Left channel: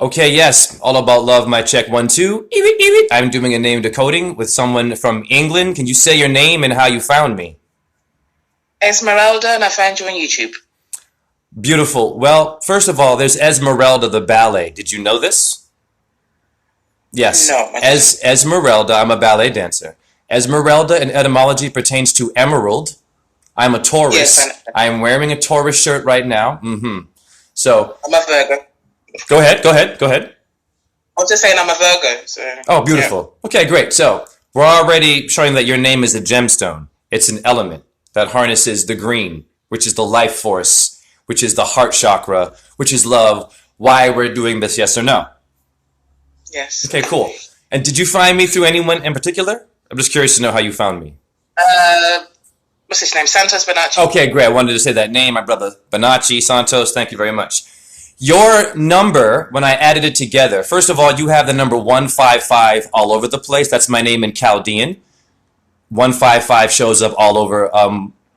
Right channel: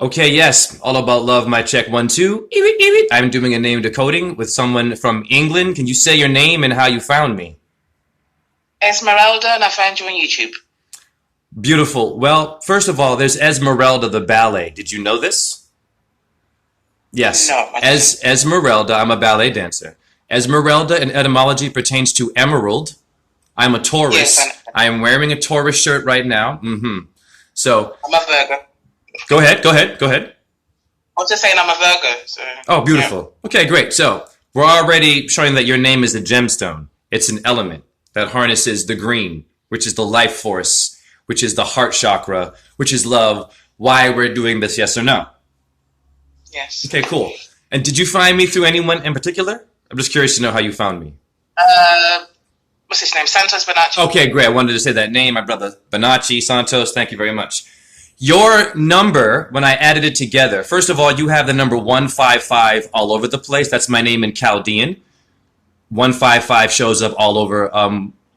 Okay, yes, all about love. My check 1 2. I'm doing a name decoding with someone from England. Can you say your name and how you found me? Esmeralda, and I found you on YouTube. Beautiful. Well, first of all, there's Esmeralda the ballet. Did you know this? Yes. No, I didn't. Esmeralda, I'm a ballet dancer. Esmeralda in etymology pertains to emerald. I'm a Yes, Taurus. I am wearing a Taurus shirt right now. So I'm a Virgo. go ahead. I was just saying I'm a Virgo, so Oh, yeah. beautiful. Okay, great. So we're already showing that your name is a gemstone. It's an element that harnesses the green, which is the life force, which is the heart chakra, which is love. Why we're doing this, yes or no? Yes. Okay, cool. And did you find me through anyone in particular? I'm just curious to know how you found me. Uh, what's his name? Santos Bonacci. Okay, great. I wanted to say that name. My brother Bonacci Santos. Thank you very much. Your number, when I added it together, first of all, you have the number 155 all over the place. That's my name in Chaldean. 155 shows up all over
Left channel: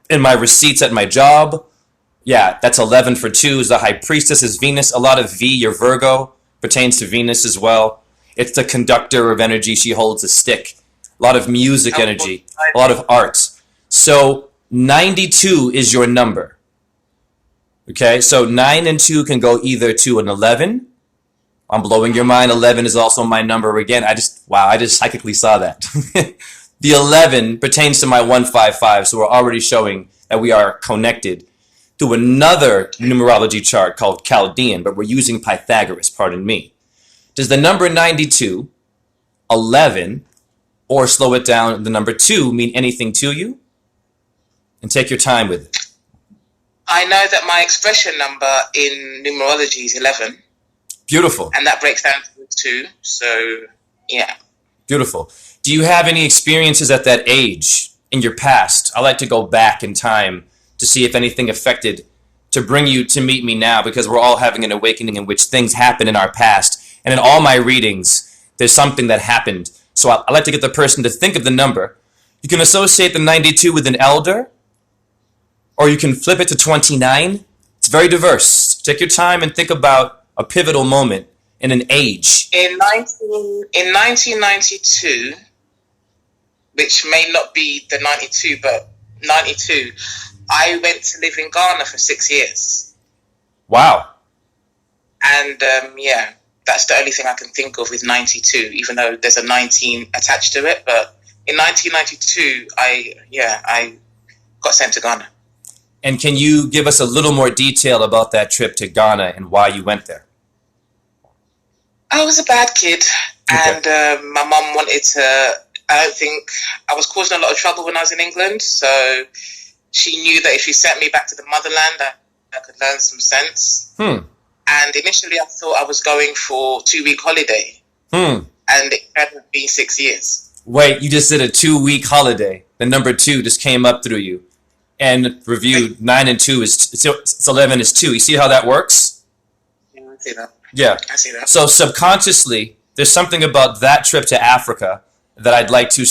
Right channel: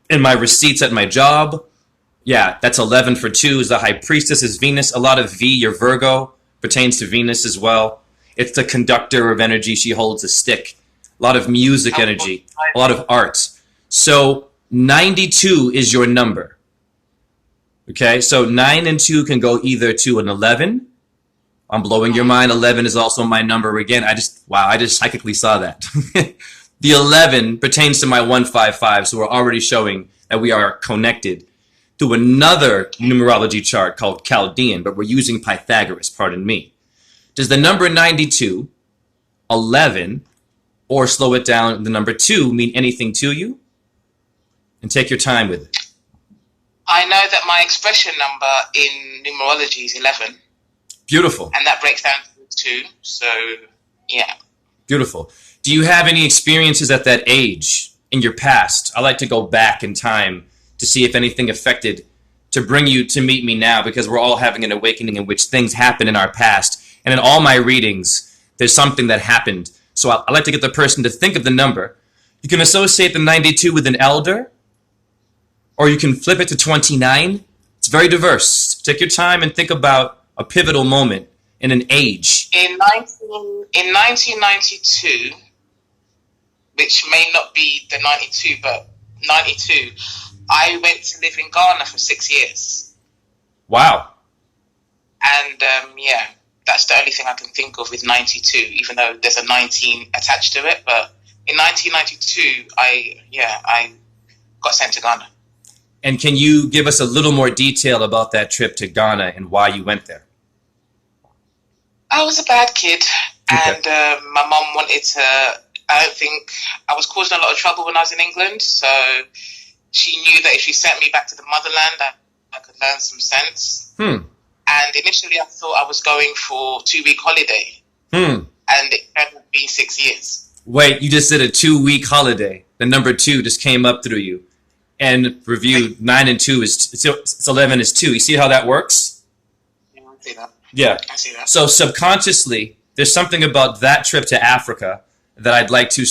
in my receipts at my job. Yeah, that's 11 for 2 is the high priestess is Venus. A lot of V, your Virgo, pertains to Venus as well. It's the conductor of energy. She holds a stick. A lot of music energy, a lot of art. So 92 is your number. Okay, so 9 and 2 can go either to an 11. I'm blowing your mind. 11 is also my number again. I just psychically saw that. The 11 pertains to my 155, so we're already showing that we are connected to another numerology chart called Chaldean, but we're using Pythagoras, pardon me. Does the number 92, 11, or slow it down, the number 2 mean anything to you? And take your time with it. I know that my expression number in numerology is 11, Beautiful. and that breaks down to 2. So yeah. Beautiful. Do you have any experiences at that age in your past? I like to go back in time to see if anything affected to bring you to meet me now, because we're all having an awakening in which things happen in our past. And in all my readings, there's something that happened. So I like to get the person to think of the number. You can associate the 92 with an elder, or you can flip it to 29. It's very diverse. Take your time and think about a pivotal moment in an age. In 1992, which may not be the 92, but 92, I went to live in Ghana for 6 years. Wow. And yeah, that's the only thing I can think of with 92, even though there's a 19 attached to it. But in 1992, I got sent to Ghana. And can you give us a little more detail about that trip to Ghana and why you went there? I was a bad kid, Okay. and my mum wanted to. I don't think I was causing a lot of trouble when I was in England, so she knew that if she sent me back to the motherland, I could learn some sense. And initially, I thought I was going for 2-week holiday, Hmm. and it hadn't been 6 years. Wait, you just did a 2 week holiday. The number 2 just came up through you. And reviewed 9 and 2 it's 11 is 2. You see how that works? Yeah, I see that. Yeah. I see that. So subconsciously, there's something about that trip to Africa that I'd like to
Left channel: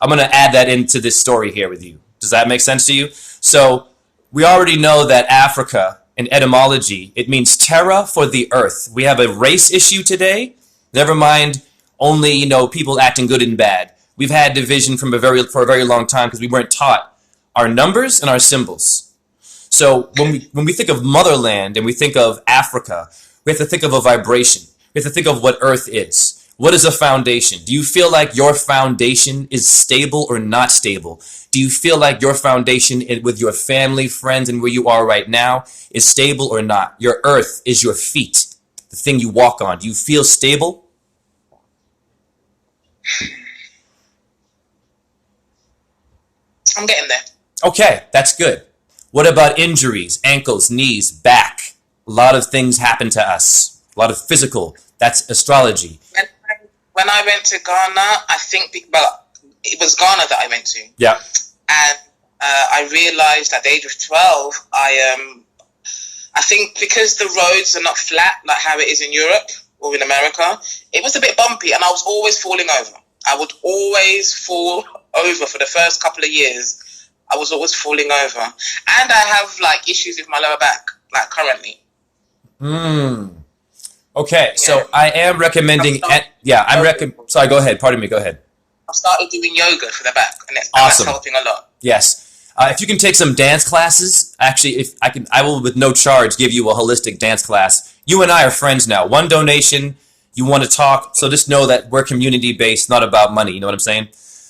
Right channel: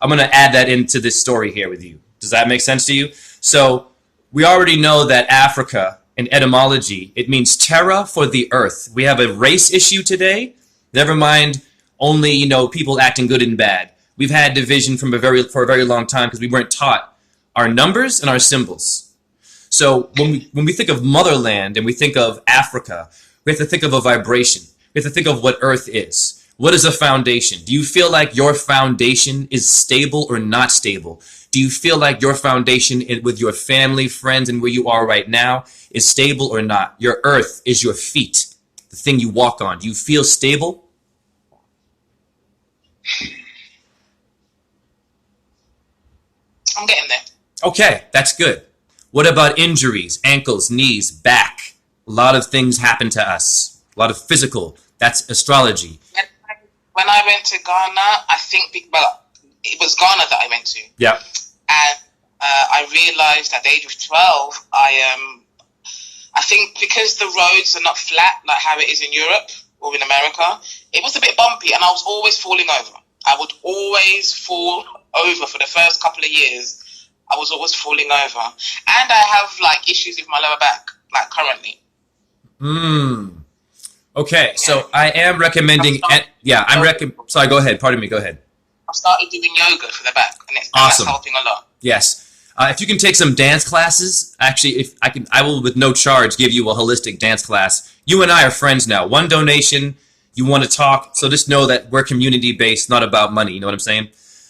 I'm going to add that into this story here with you. Does that make sense to you? So we already know that Africa, in etymology, it means terra for the earth. We have a race issue today. Never mind only, people acting good and bad. We've had division for a very long time because we weren't taught our numbers and our symbols. So when we think of motherland and we think of Africa, we have to think of a vibration. We have to think of what Earth is. What is a foundation? Do you feel like your foundation is stable or not stable? Do you feel like your foundation with your family, friends, and where you are right now is stable or not? Your earth is your feet, the thing you walk on. Do you feel stable? I'm getting there. Okay, that's good. What about injuries, ankles, knees, back? A lot of things happen to us. A lot of physical. That's astrology. When I went to Ghana, I think, well, it was Ghana that I went to. Yeah. And I realized at the age of 12, I think because the roads are not flat like how it is in Europe or in America, it was a bit bumpy and I was always falling over. I would always fall over for the first couple of years. I was always falling over. And I have issues with my lower back, currently. Okay, so Yeah. I am recommending. Sorry, go ahead. Pardon me. Go ahead. I've started doing yoga for the back, and that's Awesome. helping a lot. Yes. If you can take some dance classes, actually, if I can, I will with no charge give you a holistic dance class. You and I are friends now. One donation. You want to talk, so just know that we're community based, not about money. You know what I'm saying?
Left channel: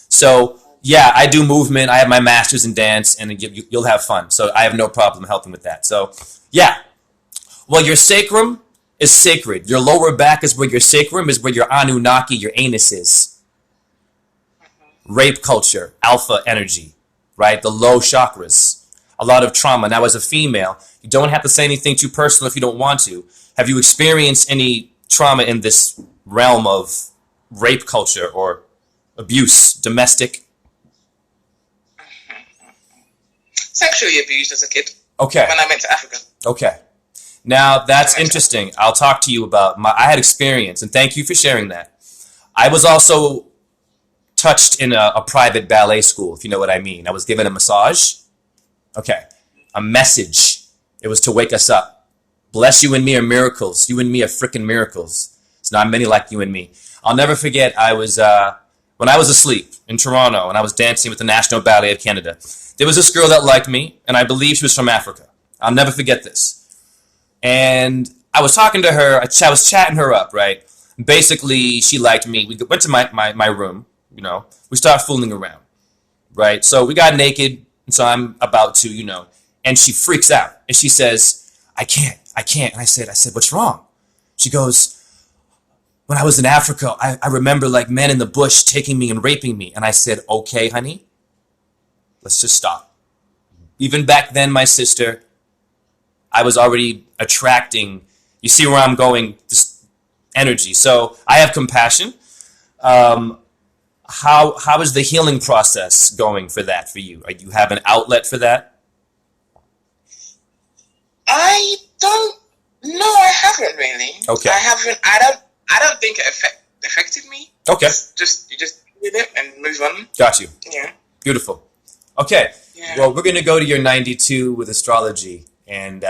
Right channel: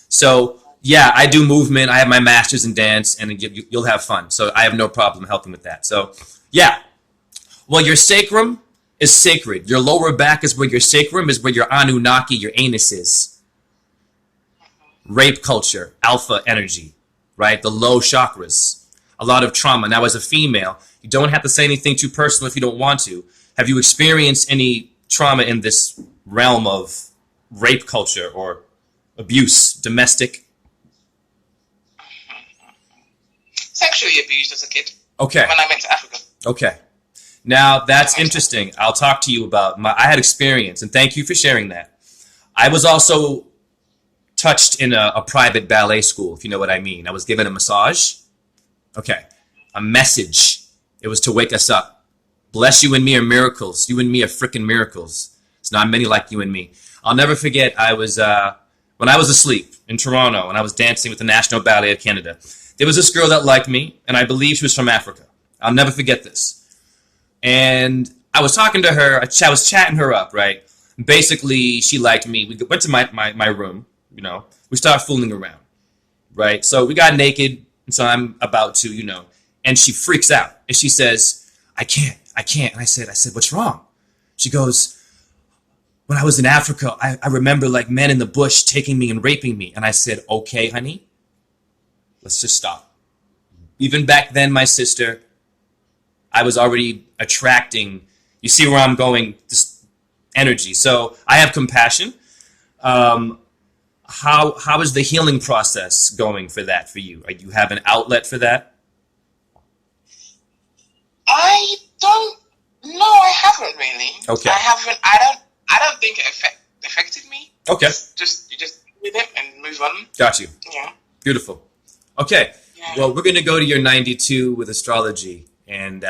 So yeah, I do movement. I have my master's in dance, and you'll have fun. So I have no problem helping with that. So yeah. Well, your sacrum is sacred. Your lower back is where your sacrum is, where your Anunnaki, your anus is. Rape culture, alpha energy, right? The low chakras, a lot of trauma. Now, as a female, you don't have to say anything too personal if you don't want to. Have you experienced any trauma in this realm of rape culture or abuse, domestic? Sexually abused as a kid. Okay. When I went to Africa. Okay. Now, that's interesting. I'll talk to you about I had experience, and thank you for sharing that. I was also touched in a private ballet school, if you know what I mean. I was given a massage. Okay. A message. It was to wake us up. Bless you and me are miracles. You and me are freaking miracles. It's not many like you and me. I'll never forget, when I was asleep in Toronto and I was dancing with the National Ballet of Canada, there was this girl that liked me, and I believe she was from Africa. I'll never forget this. And I was talking to her. I was chatting her up, right? Basically, she liked me. We went to my room, you know. We started fooling around, right? So we got naked, and so I'm about to, you know. And she freaks out, and she says, I can't. And I said, what's wrong? She goes, when I was in Africa, I remember like men in the bush taking me and raping me. And I said, okay, honey, let's just stop. Even back then, my sister, I was already attracting, you see where I'm going, this energy. So I have compassion. How is the healing process going for that for you? You have an outlet for that? I don't know. I haven't really. Okay. I don't think it affected me. Okay. You just did it and move on. Got you. Yeah. Beautiful. Okay. Yeah. Well, we're going to go to your 92 with astrology, and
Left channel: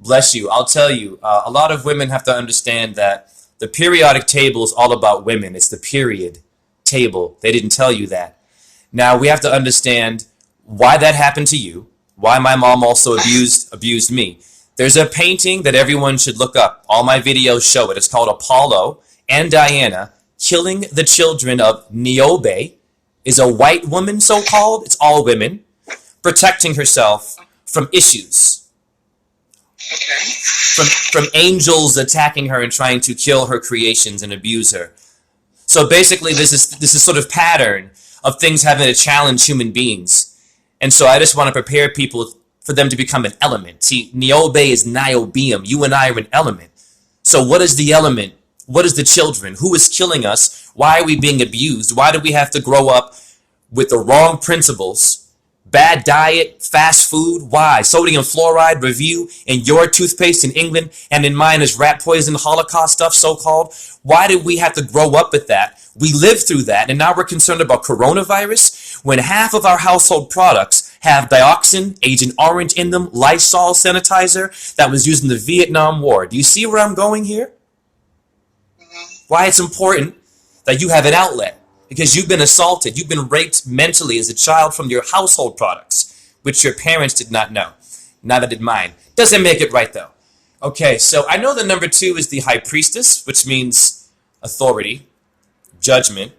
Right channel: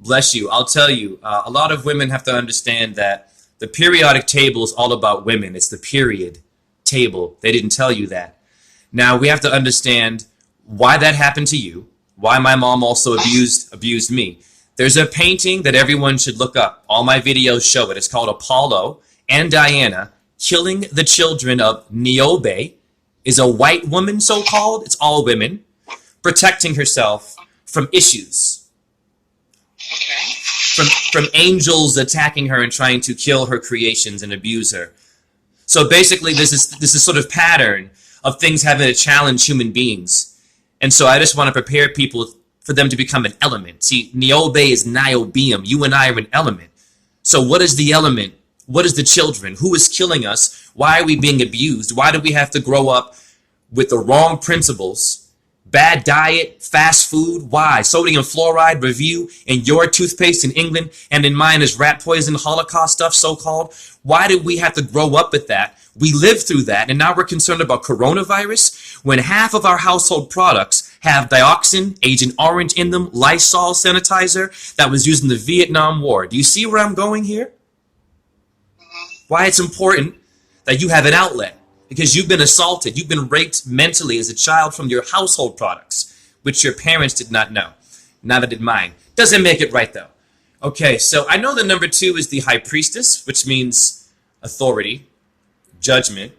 bless you. I'll tell you, a lot of women have to understand that the periodic table is all about women. It's the period table. They didn't tell you that. Now, we have to understand why that happened to you, why my mom also abused me. There's a painting that everyone should look up. All my videos show it. It's called Apollo and Diana killing the children of Niobe. Is a white woman, so-called. It's all women. Protecting herself from issues. Okay. From angels attacking her and trying to kill her creations and abuse her. So basically, this is sort of pattern of things having to challenge human beings. And so I just want to prepare people for them to become an element. See, Niobe is niobium. You and I are an element. So what is the element? What is the children? Who is killing us? Why are we being abused? Why do we have to grow up with the wrong principles? Bad diet, fast food. Why? Sodium fluoride review in your toothpaste in England, and in mine is rat poison, Holocaust stuff, so-called. Why did we have to grow up with that? We lived through that, and now we're concerned about coronavirus when half of our household products have dioxin, Agent Orange in them, Lysol sanitizer that was used in the Vietnam War. Do you see where I'm going here? Why it's important that you have an outlet. Because you've been assaulted, you've been raped mentally as a child from your household products, which your parents did not know. Neither did mine. Doesn't make it right, though. Okay, so I know the number 2 is the High Priestess, which means authority, judgment,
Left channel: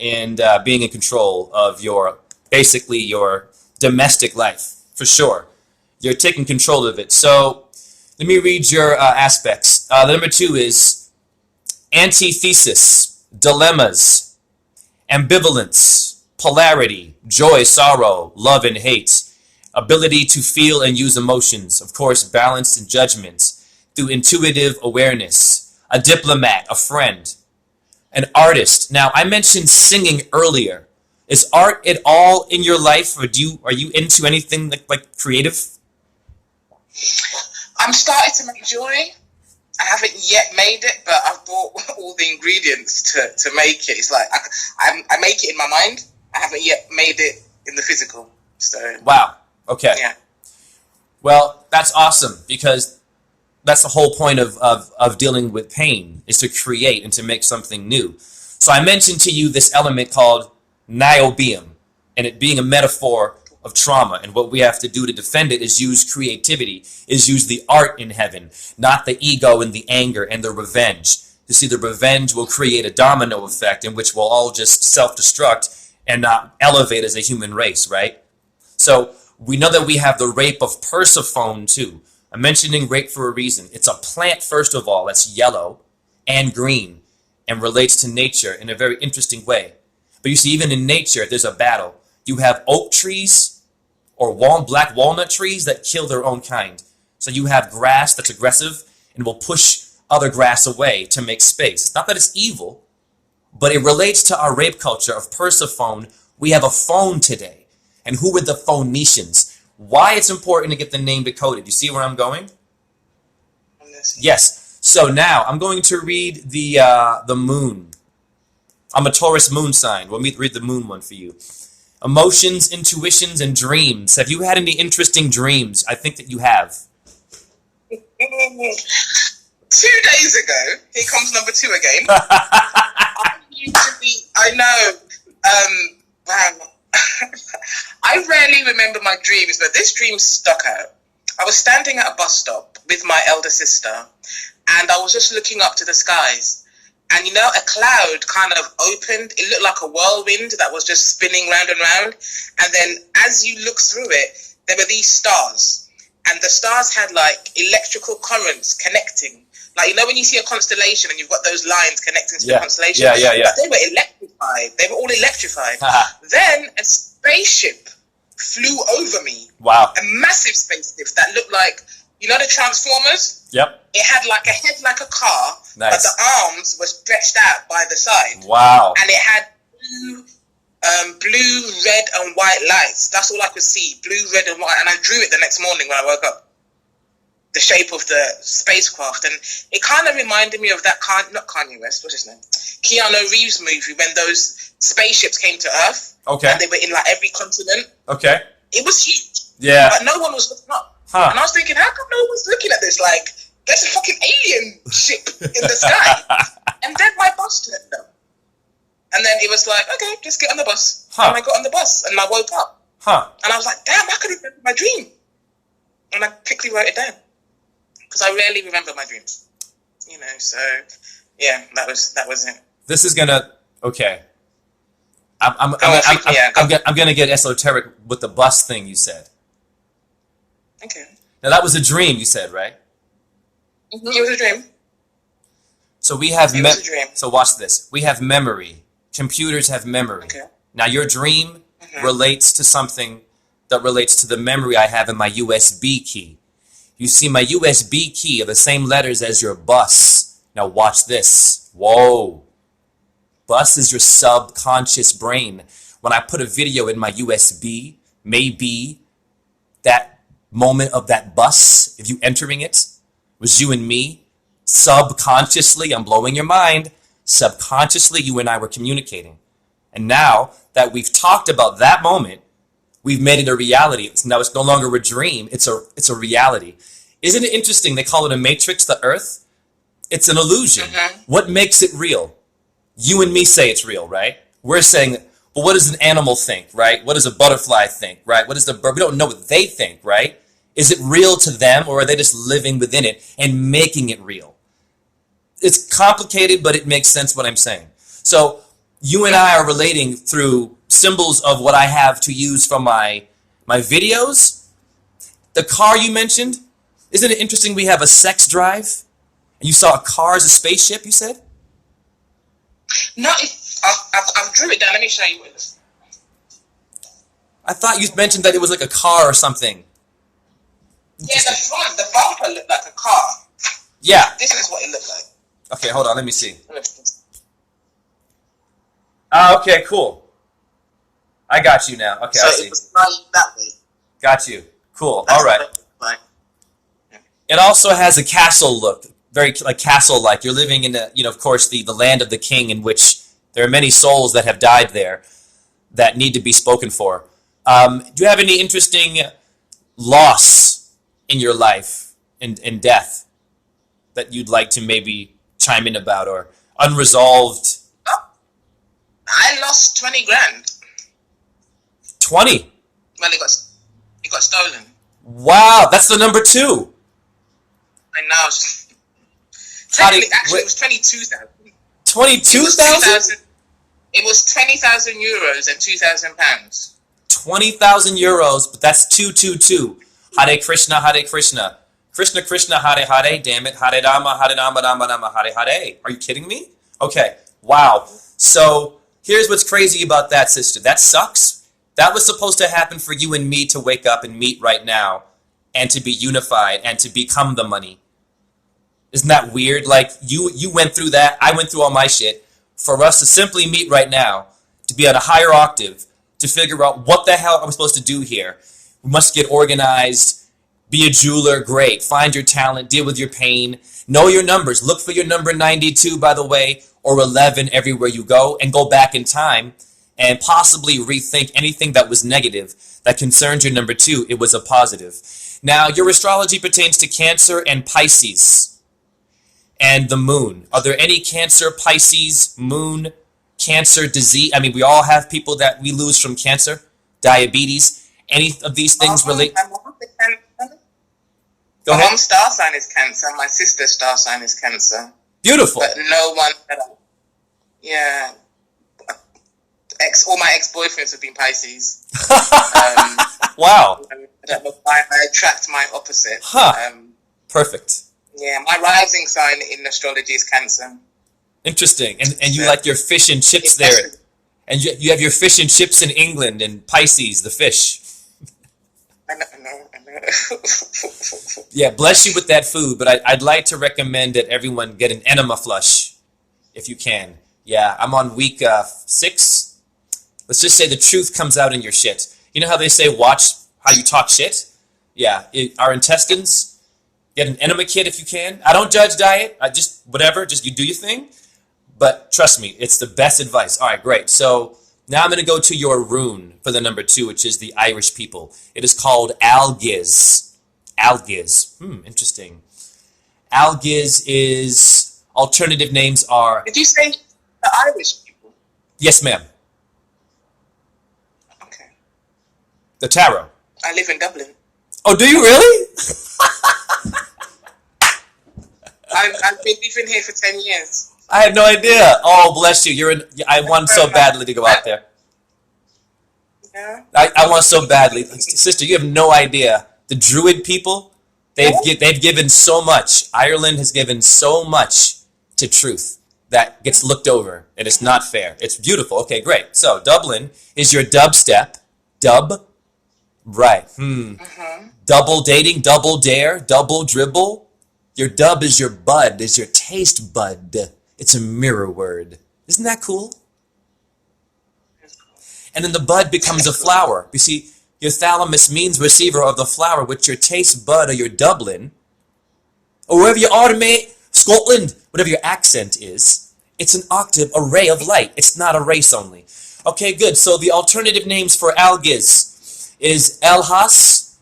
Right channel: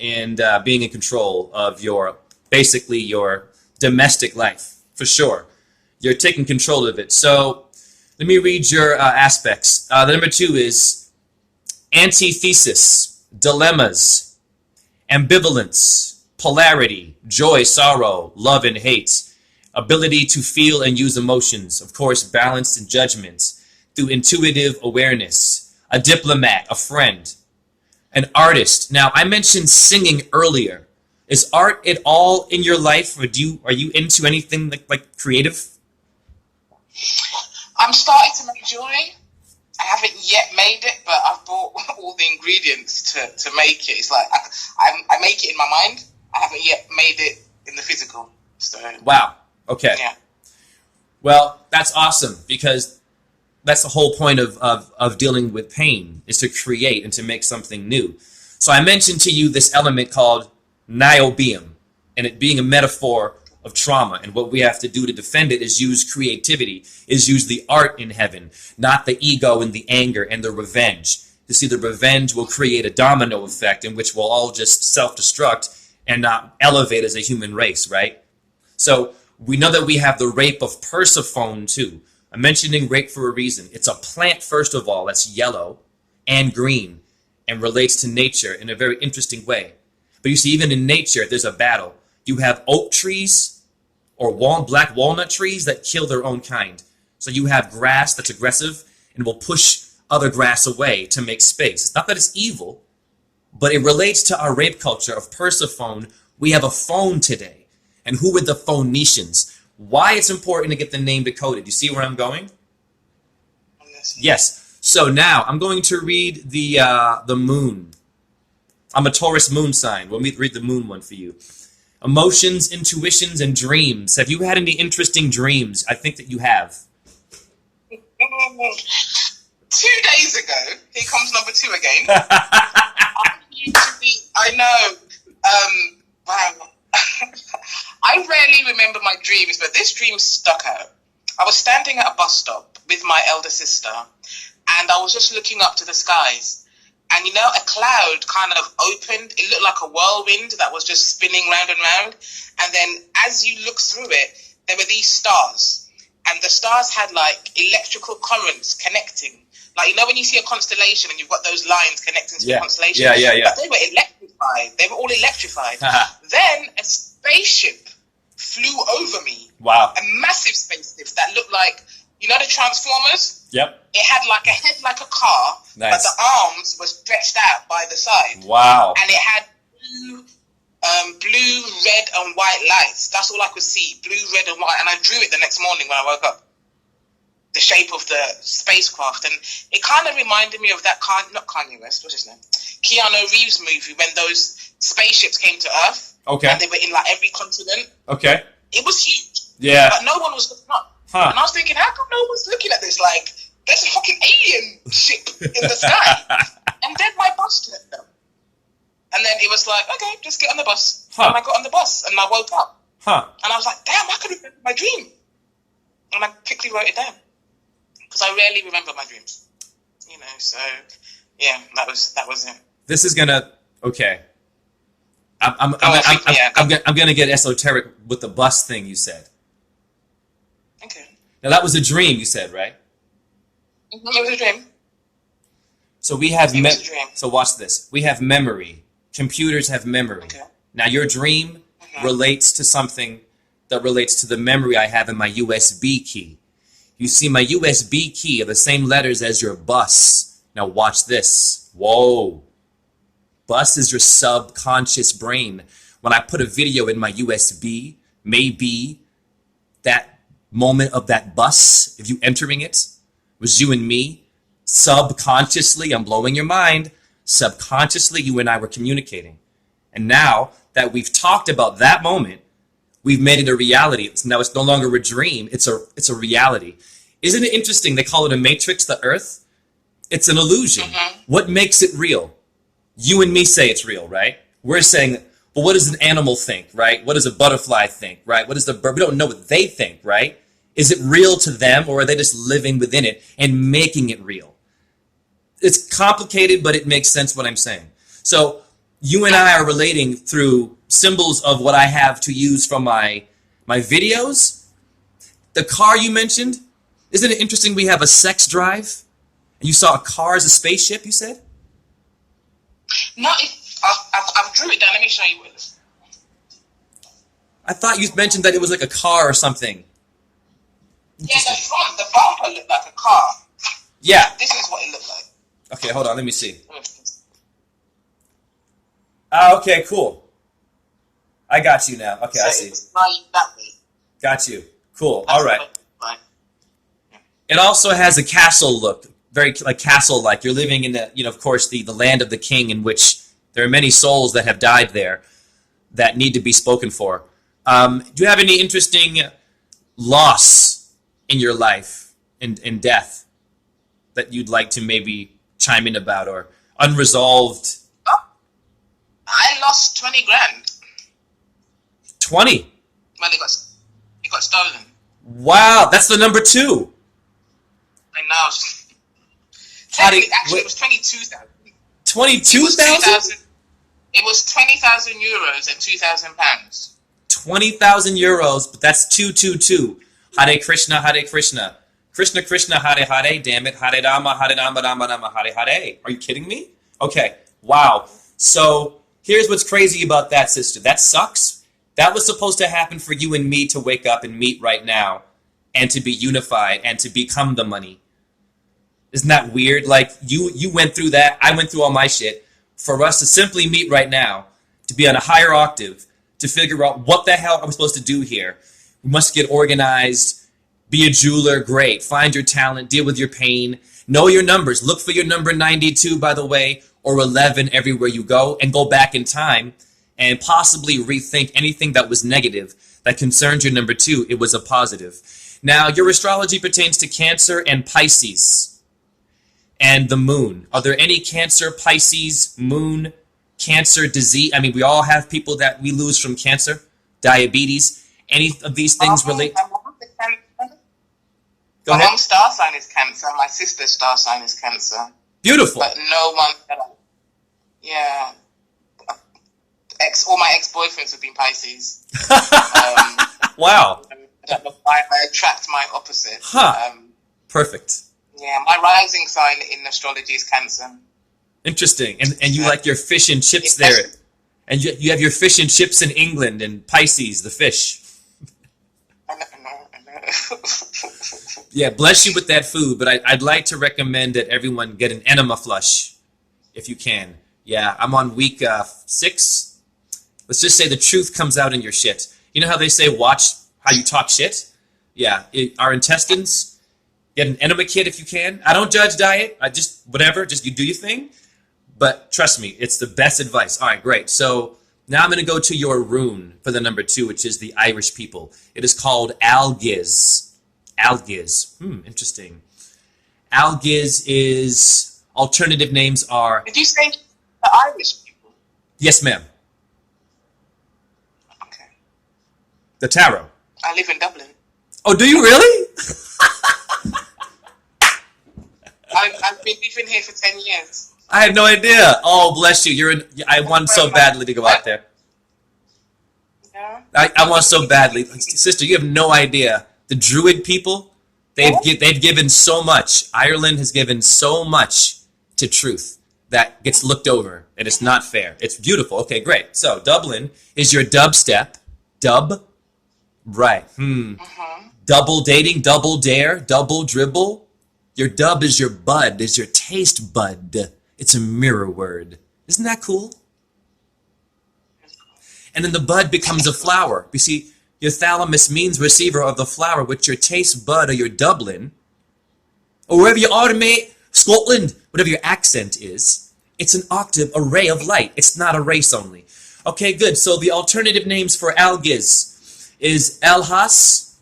and being in control of basically your domestic life, for sure. You're taking control of it. So let me read your aspects. The number 2 is antithesis, dilemmas, ambivalence, polarity, joy, sorrow, love and hate, ability to feel and use emotions, of course, balanced in judgment, through intuitive awareness, a diplomat, a friend, an artist. Now, I mentioned singing earlier. Is art at all in your life, or are you into anything like creative? I'm starting to make jewelry. I haven't yet made it, but I've bought all the ingredients to make it. It's like I make it in my mind. I haven't yet made it in the physical. So wow. Okay. Yeah. Well, that's awesome because That's the whole point of dealing with pain, is to create and to make something new. So I mentioned to you this element called niobium, and it being a metaphor of trauma. And what we have to do to defend it is use creativity, is use the art in heaven, not the ego and the anger and the revenge. You see, the revenge will create a domino effect in which we'll all just self-destruct and not elevate as a human race, right? So we know that we have the rape of Persephone too. I'm mentioning rape for a reason. It's a plant, first of all, that's yellow and green and relates to nature in a very interesting way. But you see, even in nature, there's a battle. You have oak trees or black walnut trees that kill their own kind. So you have grass that's aggressive and will push other grass away to make space. It's not that it's evil, but it relates to our rape culture of Persephone. We have a phone today. And who were the Phoenicians? Why it's important to get the name decoded. You see where I'm going? Yes. So now I'm going to read the moon. I'm a Taurus moon sign. Let me read the moon one for you. Emotions, intuitions, and dreams. Have you had any interesting dreams? I think that you have. 2 days ago, here comes number 2 again. I know. Wow. I rarely remember my dreams, but this dream stuck out. I was standing at a bus stop with my elder sister, and I was just looking up to the skies. And, you know, a cloud kind of opened. It looked like a whirlwind that was just spinning round and round. And then as you look through it, there were these stars. And the stars had, like, electrical currents connecting. Like, you know, when you see a constellation and you've got those lines connecting to the constellation? Yeah. But they were electrified. They were all electrified. Then a spaceship flew over me. Wow. A massive spaceship that looked like, you know, the Transformers? Yep. It had like a head like a car, nice. But the arms were stretched out by the side. Wow. And it had blue, red, and white lights. That's all I could see. Blue, red, and white. And I drew it the next morning when I woke up. The shape of the spacecraft. And it kind of reminded me of that, not Kanye West, what's his name? Keanu Reeves movie when those spaceships came to Earth. Okay. And they were in like every continent. Okay. It was huge. Yeah. But no one was looking up. And I was thinking, how come no one's looking at this? Like, there's a fucking alien ship in the sky. And then my bus turned up. And then it was like, okay, just get on the bus. And I got on the bus and I woke up. And I was like, damn, I could remember my dream. And I quickly wrote it down. Because I rarely remember my dreams. You know, so, yeah, that was it. This is gonna, okay. I'm gonna get esoteric with the bus thing you said. Okay. Now that was a dream you said, right? Mm-hmm. It was a dream. So we have so watch this. We have memory. Computers have memory. Okay. Now your dream relates to something that relates to the memory I have in my USB key. You see my USB key are the same letters as your bus. Now watch this. Whoa. Bus is your subconscious brain. When I put a video in my USB, maybe that moment of that bus, if you entering it, was you and me. Subconsciously, I'm blowing your mind. Subconsciously, you and I were communicating. And now that we've talked about that moment, we've made it a reality. Now it's no longer a dream. It's a reality. Isn't it interesting? They call it a matrix, the earth. It's an illusion. What makes it real? You and me say it's real, right? We're saying, well, what does an animal think, right? What does a butterfly think, right? What does the bird? We don't know what they think, right? Is it real to them, or are they just living within it and making it real? It's complicated, but it makes sense what I'm saying. So you and I are relating through symbols of what I have to use from my videos. The car you mentioned, isn't it interesting we have a sex drive? And you saw a car as a spaceship, you said? No, I've drew it down. Let me show you it. I thought you mentioned that it was like a car or something. Yeah, the bumper looked like a car. Yeah. This is what it looked like. Okay, hold on. Let me see. Okay, cool. I got you now. Okay, so I see. It was lying that way. Got you. Cool. That's all right. Yeah. It also has a castle look, very like castle-like. You're living in the, of course, the land of the king, in which there are many souls that have died there that need to be spoken for. Do you have any interesting loss in your life, in death? that you'd like to maybe chime in about, or unresolved? Oh, I lost 20 grand. 20. Well, it got stolen. Wow, that's the number 2. I know. Actually, it was 22,000. 22,000? It was 20,000 euros and 2,000 pounds. 20,000 euros, but that's 222. Hare Krishna, Hare Krishna. Krishna Krishna, Hare Hare, damn it. Hare Rama, Hare Rama, Rama Rama, Hare Hare. Are you kidding me? Okay, wow. So here's what's crazy about that, sister. That sucks. That was supposed to happen for you and me to wake up and meet right now and to be unified and to become the money. Isn't that weird? Like, you went through that. I went through all my shit. For us to simply meet right now, to be on a higher octave, to figure out what the hell are we supposed to do here. We must get organized, be a jeweler, great. Find your talent, deal with your pain, know your numbers. Look for your number 92, by the way, or 11 everywhere you go, and go back in time and possibly rethink anything that was negative that concerned your number 2. It was a positive. Now, your astrology pertains to Cancer and Pisces and the moon. Are there any Cancer, Pisces, moon, Cancer disease? I mean, we all have people that we lose from cancer, diabetes. Any of these things relate? Go ahead. My mom's star sign is Cancer. My sister's star sign is Cancer. Beautiful. But no one. Yeah. All my ex-boyfriends have been Pisces. Wow. I don't know why I attract my opposite. Huh. Perfect. Yeah, my rising sign in astrology is Cancer. Interesting. And you like your fish and chips there. And you have your fish and chips in England and Pisces, the fish. I know. Yeah, bless you with that food. But I'd like to recommend that everyone get an enema flush if you can. Yeah, I'm on week 6. Let's just say the truth comes out in your shit. You know how they say watch how you talk shit? Yeah, our intestines, get an enema kit if you can. I don't judge diet. I just, whatever, just you do your thing. But trust me, it's the best advice. All right, great. So now I'm going to go to your rune for the number 2, which is the Irish people. It is called Algiz. Algiz. Interesting. Algiz is, alternative names are... Did you say the Irish people? Yes, ma'am. Okay. The tarot. I live in Dublin. Oh, do you really? I've been living here for 10 years. I had no idea. Oh, bless you. I want so badly to go out there. Yeah. I want so badly. Sister, you have no idea. The Druid people, they've given so much. Ireland has given so much to truth that gets looked over, and it's not fair. It's beautiful. Okay, great. So Dublin is your dubstep. Dub? Right. Double dating, double dare, double dribble. Your dub is your bud, is your taste bud. It's a mirror word. Isn't that cool? And then the bud becomes a flower. You see, your thalamus means receiver of the flower, which your taste bud or your Dublin, or wherever you are, mate, Scotland, whatever your accent is, it's an octave, a ray of light. It's not a race only. Okay, good. So the alternative names for Algiz is Elhas,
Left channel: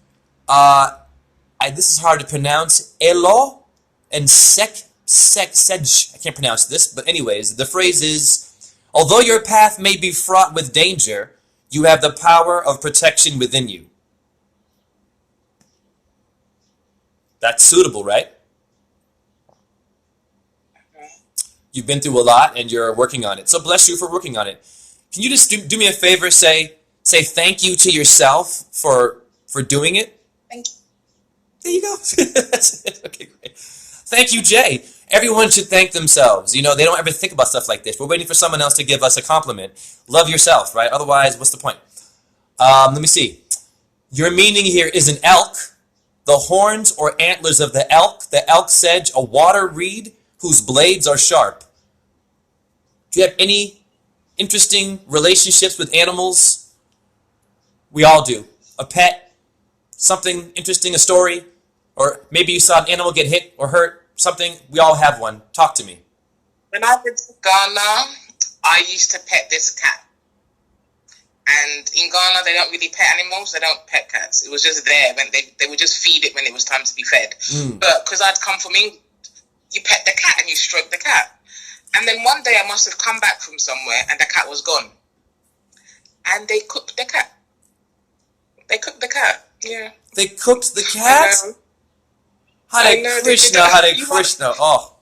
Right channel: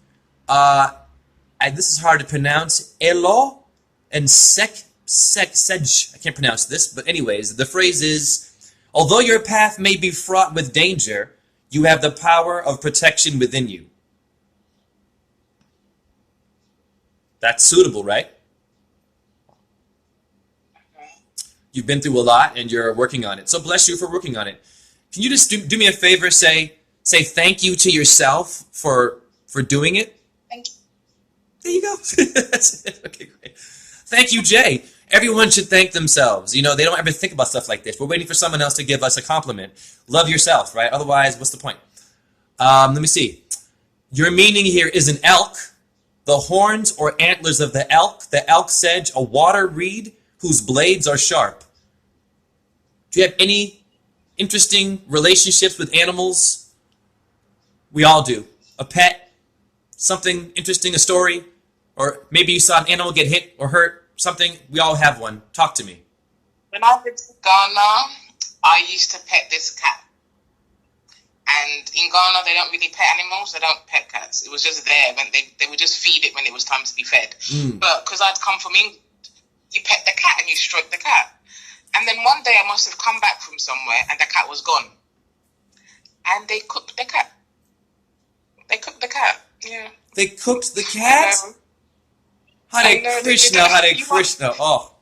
this is hard to pronounce, Elo, and Sej. I can't pronounce this, but anyways, the phrase is, although your path may be fraught with danger, you have the power of protection within you. That's suitable, right? You've been through a lot and you're working on it. So bless you for working on it. Can you just do me a favor, say thank you to yourself for doing it? Thank you. There you go. That's it. Okay, great. Thank you, Jay. Everyone should thank themselves. You know, they don't ever think about stuff like this. We're waiting for someone else to give us a compliment. Love yourself, right? Otherwise, what's the point? Let me see. Your meaning here is an elk, the horns or antlers of the elk sedge, a water reed whose blades are sharp. Do you have any interesting relationships with animals? We all do. A pet, something interesting, a story, or maybe you saw an animal get hit or hurt, something. We all have one. Talk to me. When I lived in Ghana, I used to pet this cat. And in Ghana, they don't really pet animals. They don't pet cats. It was just there. When they would just feed it when it was time to be fed. But because I'd come from England, you pet the cat and you stroke the cat. And then one day I must have come back from somewhere and the cat was gone. And they cooked the cat. They cooked the cat. Yeah. They cooked the cat? Hare Krishna, Hare Krishna. Oh,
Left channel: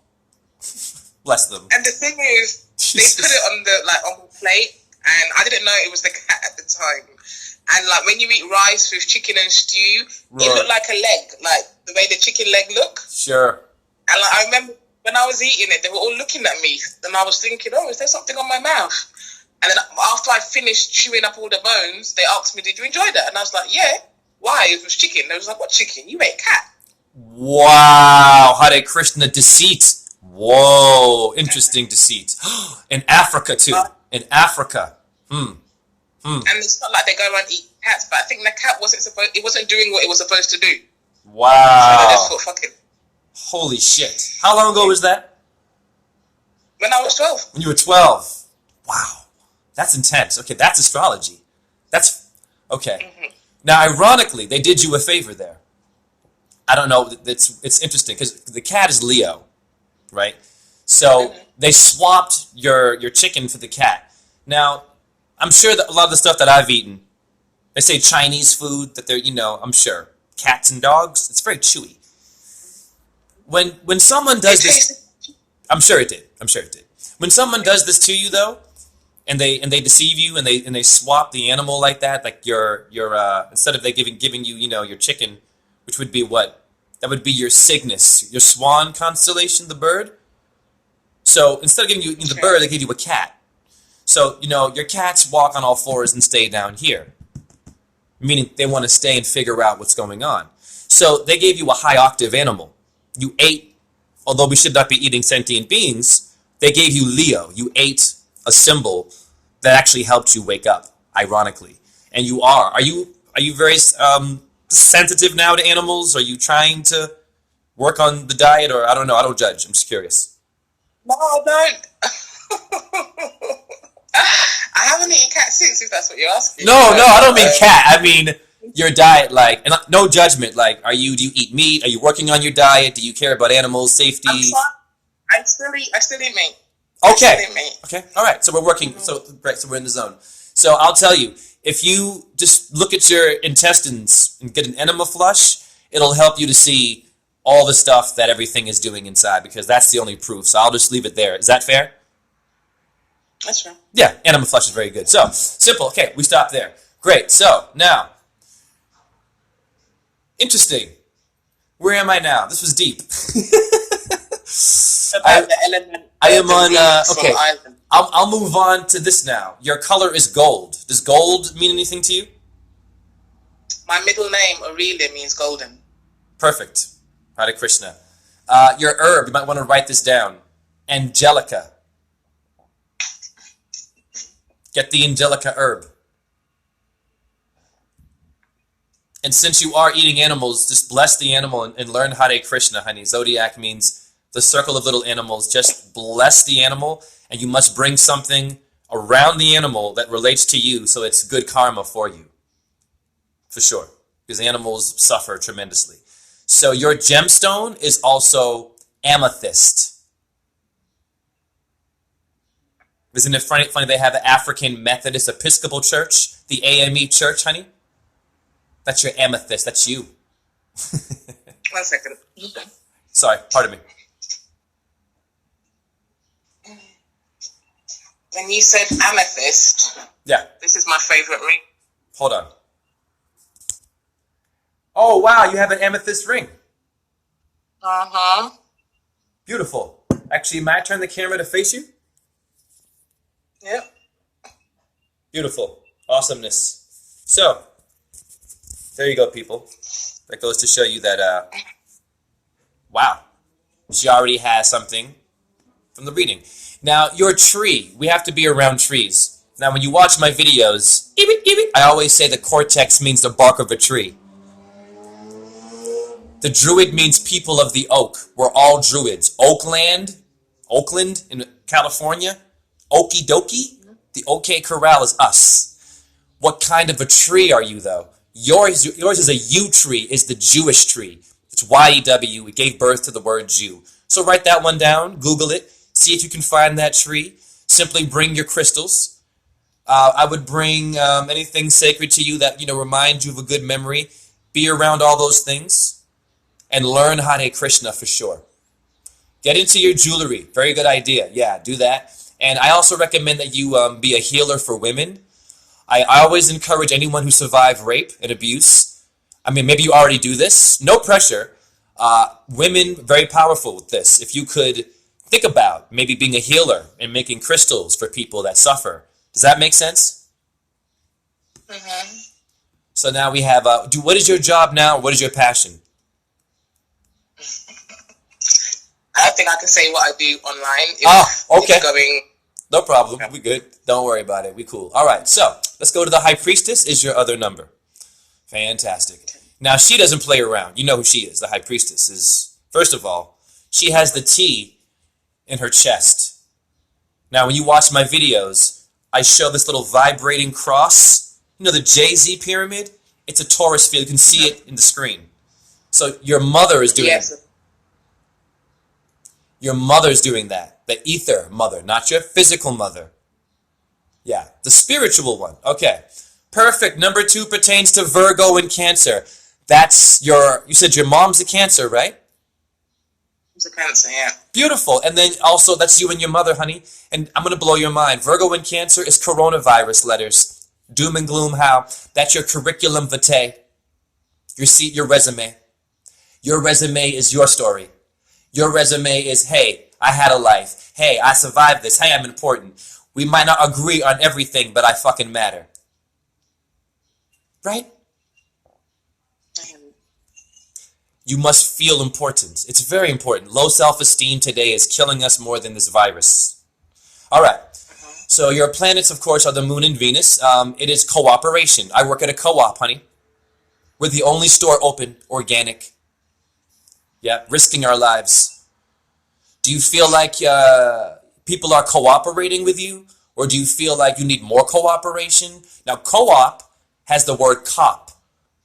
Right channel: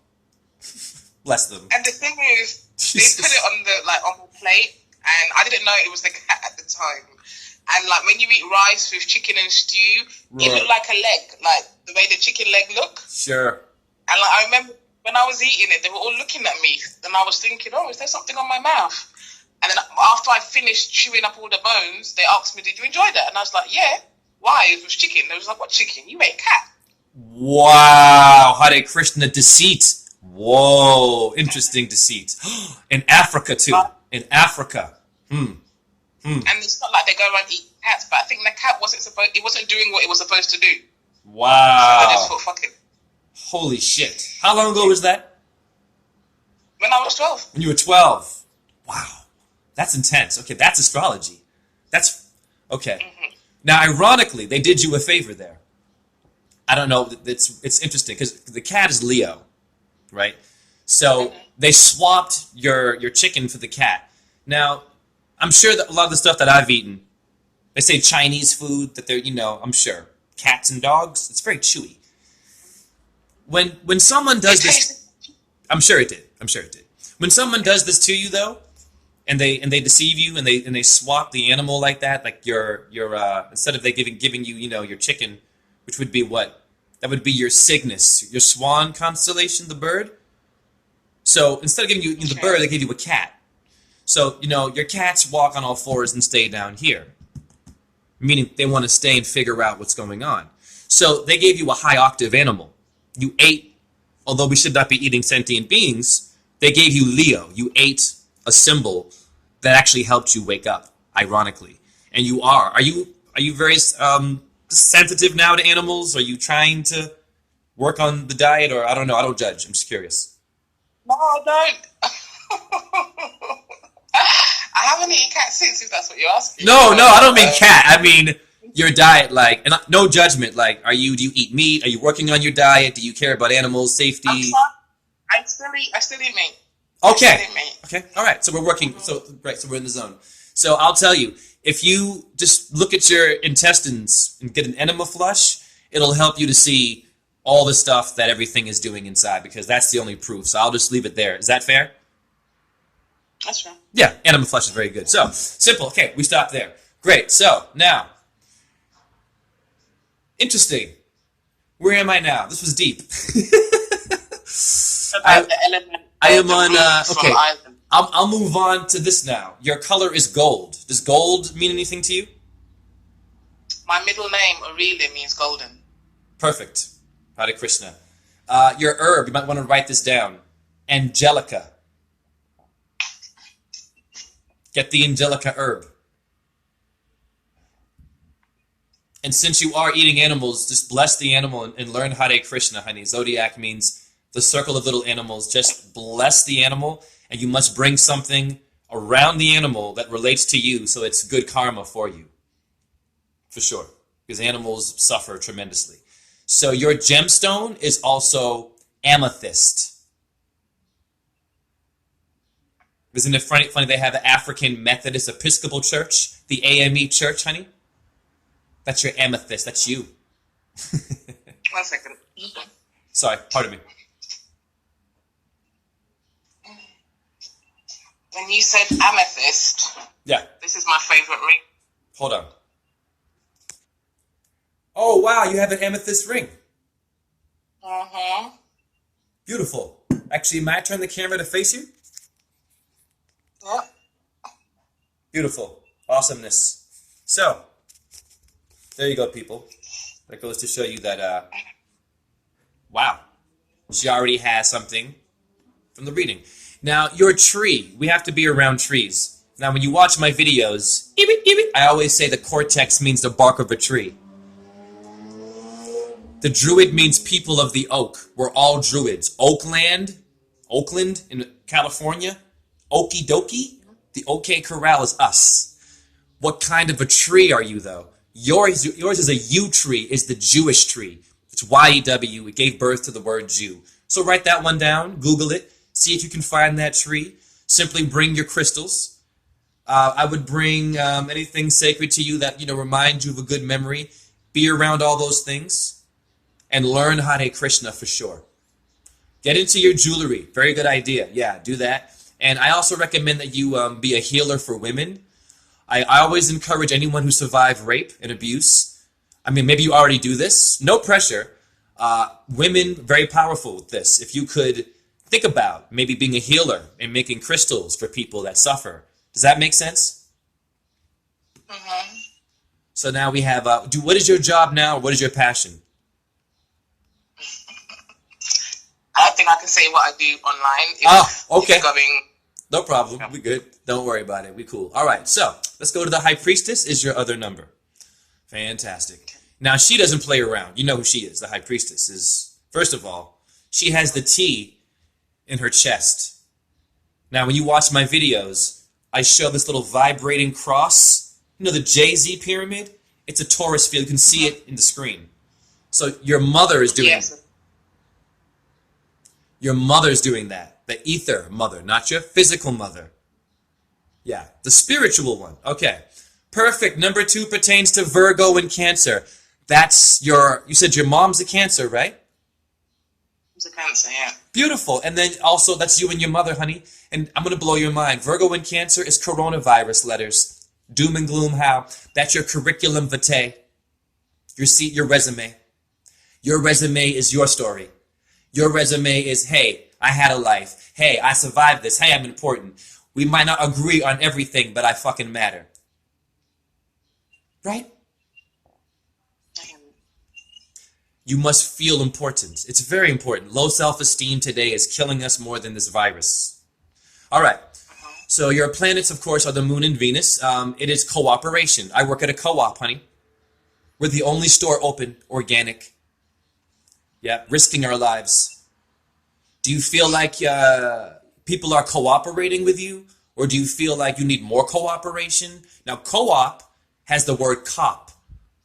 bless them. And the thing is, they put it on the plate, and I didn't know it was the cat at the time. And like when you eat rice with chicken and stew, it looked like a leg, like the way the chicken leg look. Sure. And like I remember when I was eating it, they were all looking at me, and I was thinking, oh, is there something on my mouth? And then after I finished chewing up all the bones, they asked me, did you enjoy that? And I was like, yeah. Why? It was chicken. They was like, what chicken? You ate cat. Wow. Hare Krishna deceit. Whoa. Interesting deceit. In Africa, too. In Africa. And it's not like they go around eat cats, but I think the cat wasn't doing what it was supposed to do. Wow. So I just thought, fuck it. Holy shit. How long ago was that? When I was 12. When you were 12. Wow. That's intense. Okay, that's astrology. That's, okay. Mm-hmm. Now, ironically, they did you a favor there. I don't know, it's interesting, because the cat is Leo, right? So they swapped your chicken for the cat. Now, I'm sure that a lot of the stuff that I've eaten, they say Chinese food, that they're, I'm sure. Cats and dogs, it's very chewy. When someone does this, I'm sure it did. When someone does this to you, though, and they deceive you and they swap the animal like that, like your instead of they giving you your chicken, which would be what? That would be your Cygnus, your swan constellation, the bird. So instead of giving you the bird, they give you a cat. So your cats walk on all fours and stay down here, meaning they want to stay and figure out what's going on. So they gave you a high octave animal. You ate, although we should not be eating sentient beings, they gave you Leo. You ate a symbol that actually helped you wake up, ironically. And you are. Are you very sensitive now to animals? Are you trying to work on the diet? Or I don't know. I don't judge. I'm just curious. No, I don't. I haven't eaten cat since, if that's what you're asking. No, I don't mean cat. I mean your diet, and no judgment. Do you eat meat? Are you working on your diet? Do you care about animals, safety? I still eat meat. Okay. All right. So we're working. So we're in the zone. So I'll tell you, if you just look at your intestines and get an enema flush, it'll help you to see all the stuff that everything is doing inside, because that's the only proof. So I'll just leave it there. Is that fair? That's fair. Yeah, enema flush is very good. So simple. Okay, we stop there. Great. So now, interesting. Where am I now? This was deep. I am on. Okay, I'll move on to this now. Your color is gold. Does gold mean anything to you? My middle name, Aurelia, means golden. Perfect. Hare Krishna. Your herb, you might want to write this down. Angelica. Get the Angelica herb. And since you are eating animals, just bless the animal and learn Hare Krishna, honey. Zodiac means the circle of little animals. Just bless the animal, and you must bring something around the animal that relates to you, so it's good karma for you. For sure. Because animals suffer tremendously. So your gemstone is also amethyst. Isn't it funny they have the African Methodist Episcopal Church, the AME Church, honey? That's your amethyst. That's you. 1 second. Sorry, pardon me. When you said amethyst, yeah, this is my favorite ring. Hold on. Oh, wow, you have an amethyst ring. Uh-huh. Beautiful. Actually, might I turn the camera to face you? Yep. Beautiful. Awesomeness. So, there you go, people. That goes to show you that, wow, she already has something from the reading. Now, your tree, we have to be around trees. Now, when you watch my videos, I always say the cortex means the bark of a tree. The druid means people of the oak. We're all druids. Oakland in California, Okie dokie, the OK Corral is us. What kind of a tree are you, though? Yours is a yew tree, is the Jewish tree. It's Y-E-W. It gave birth to the word Jew. So write that one down, Google it, see if you can find that tree. Simply bring your crystals. I would bring anything sacred to you that, reminds you of a good memory. Be around all those things and learn Hare Krishna for sure. Get into your jewelry. Very good idea. Yeah, do that. And I also recommend that you be a healer for women. I always encourage anyone who survived rape and abuse. I mean, maybe you already do this. No pressure. Women, very powerful with this. If you could think about maybe being a healer and making crystals for people that suffer. Does that make sense? Mm-hmm. So now we have, what is your job now? What is your passion? I don't think I can say what I do online. Okay. It's going... No problem. We good. Don't worry about it. We cool. All right. So let's go to the High Priestess. Is your other number? Fantastic. Now she doesn't play around. You know who she is. The High Priestess is, first of all, she has the T in her chest. Now when you watch my videos, I show this little vibrating cross. You know the Jay-Z pyramid? It's a Taurus field. You can see it in the screen. So your mother is doing it. Your mother's doing that. The ether mother, not your physical mother. Yeah, the spiritual one. Okay, perfect. Number 2 pertains to Virgo and Cancer. That's you said your mom's a Cancer, right? It's a Cancer, yeah. Beautiful. And then also, that's you and your mother, honey. And I'm going to blow your mind. Virgo and Cancer is coronavirus letters. Doom and gloom, how? That's your curriculum vitae. Your resume. Your resume is your story. Your resume is, hey, I had a life. Hey, I survived this. Hey, I'm important. We might not agree on everything, but I fucking matter. Right? You must feel important. It's very important. Low self-esteem today is killing us more than this virus. All right. So your planets, of course, are the Moon and Venus. It is cooperation. I work at a co-op, honey. We're the only store open, organic. Yeah, risking our lives. Do you feel like people are cooperating with you? Or do you feel like you need more cooperation? Now, co-op has the word cop.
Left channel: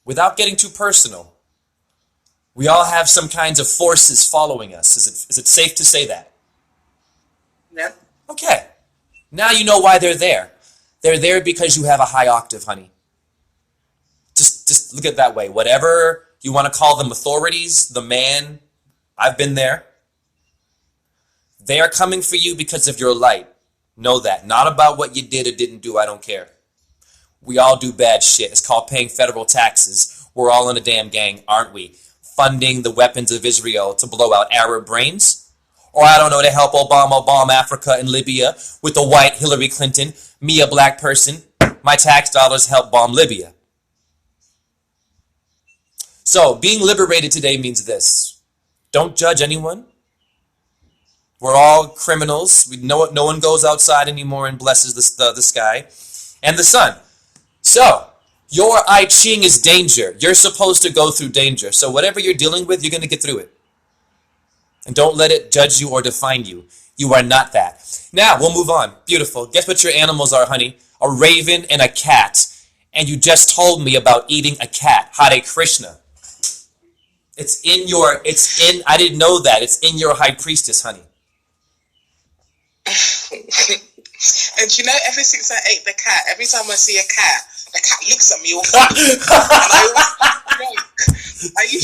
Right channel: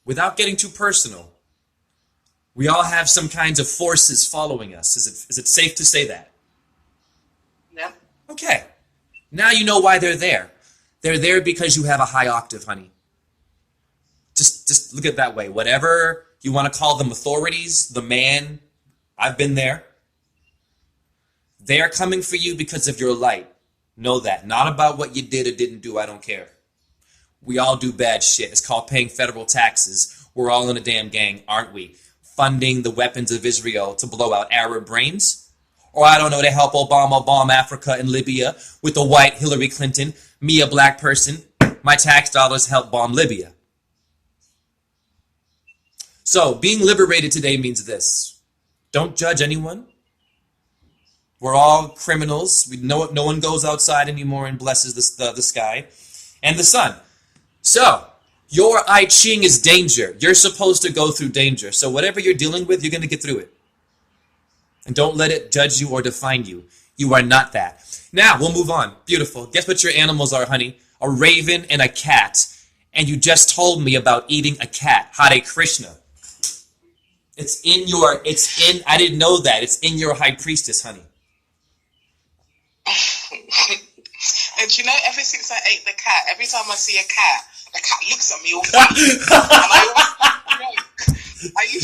Without getting too personal, we all have some kinds of forces following us. Is it safe to say that? Yeah. Okay. Now you know why they're there. They're there because you have a high octave, honey. Just look at it that way. Whatever you want to call them, authorities, the man, I've been there. They are coming for you because of your light. Know that. Not about what you did or didn't do. I don't care. We all do bad shit. It's called paying federal taxes. We're all in a damn gang, aren't we? Funding the weapons of Israel to blow out Arab brains. Or I don't know, to help Obama bomb Africa and Libya with the white Hillary Clinton. Me, a black person. My tax dollars help bomb Libya. So, being liberated today means this. Don't judge anyone. We're all criminals. No one goes outside anymore and blesses the sky and the sun. So, your I Ching is danger. You're supposed to go through danger. So whatever you're dealing with, you're going to get through it. And don't let it judge you or define you. You are not that. Now, we'll move on. Beautiful. Guess what your animals are, honey? A raven and a cat. And you just told me about eating a cat. Hare Krishna. I didn't know that. It's in your High Priestess, honey. And you know, ever since I ate the cat, every time I see a cat, the cat looks at me all funny.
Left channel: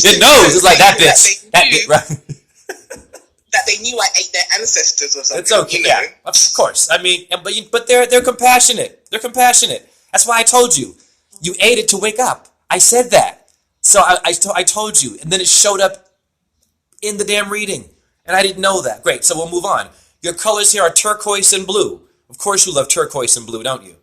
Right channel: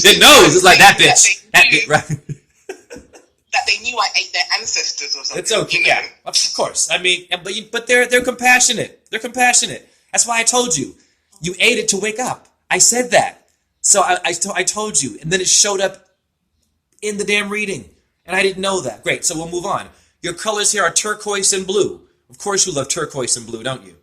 It knows. It's like that bitch. That bitch, right? That they knew I ate their ancestors or something. It's okay. Yeah, of course. I mean, but they're compassionate. They're compassionate. That's why I told you. You ate it to wake up. I said that. So I told you, and then it showed up in the damn reading, and I didn't know that. Great. So we'll move on. Your colors here are turquoise and blue. Of course you love turquoise and blue, don't you?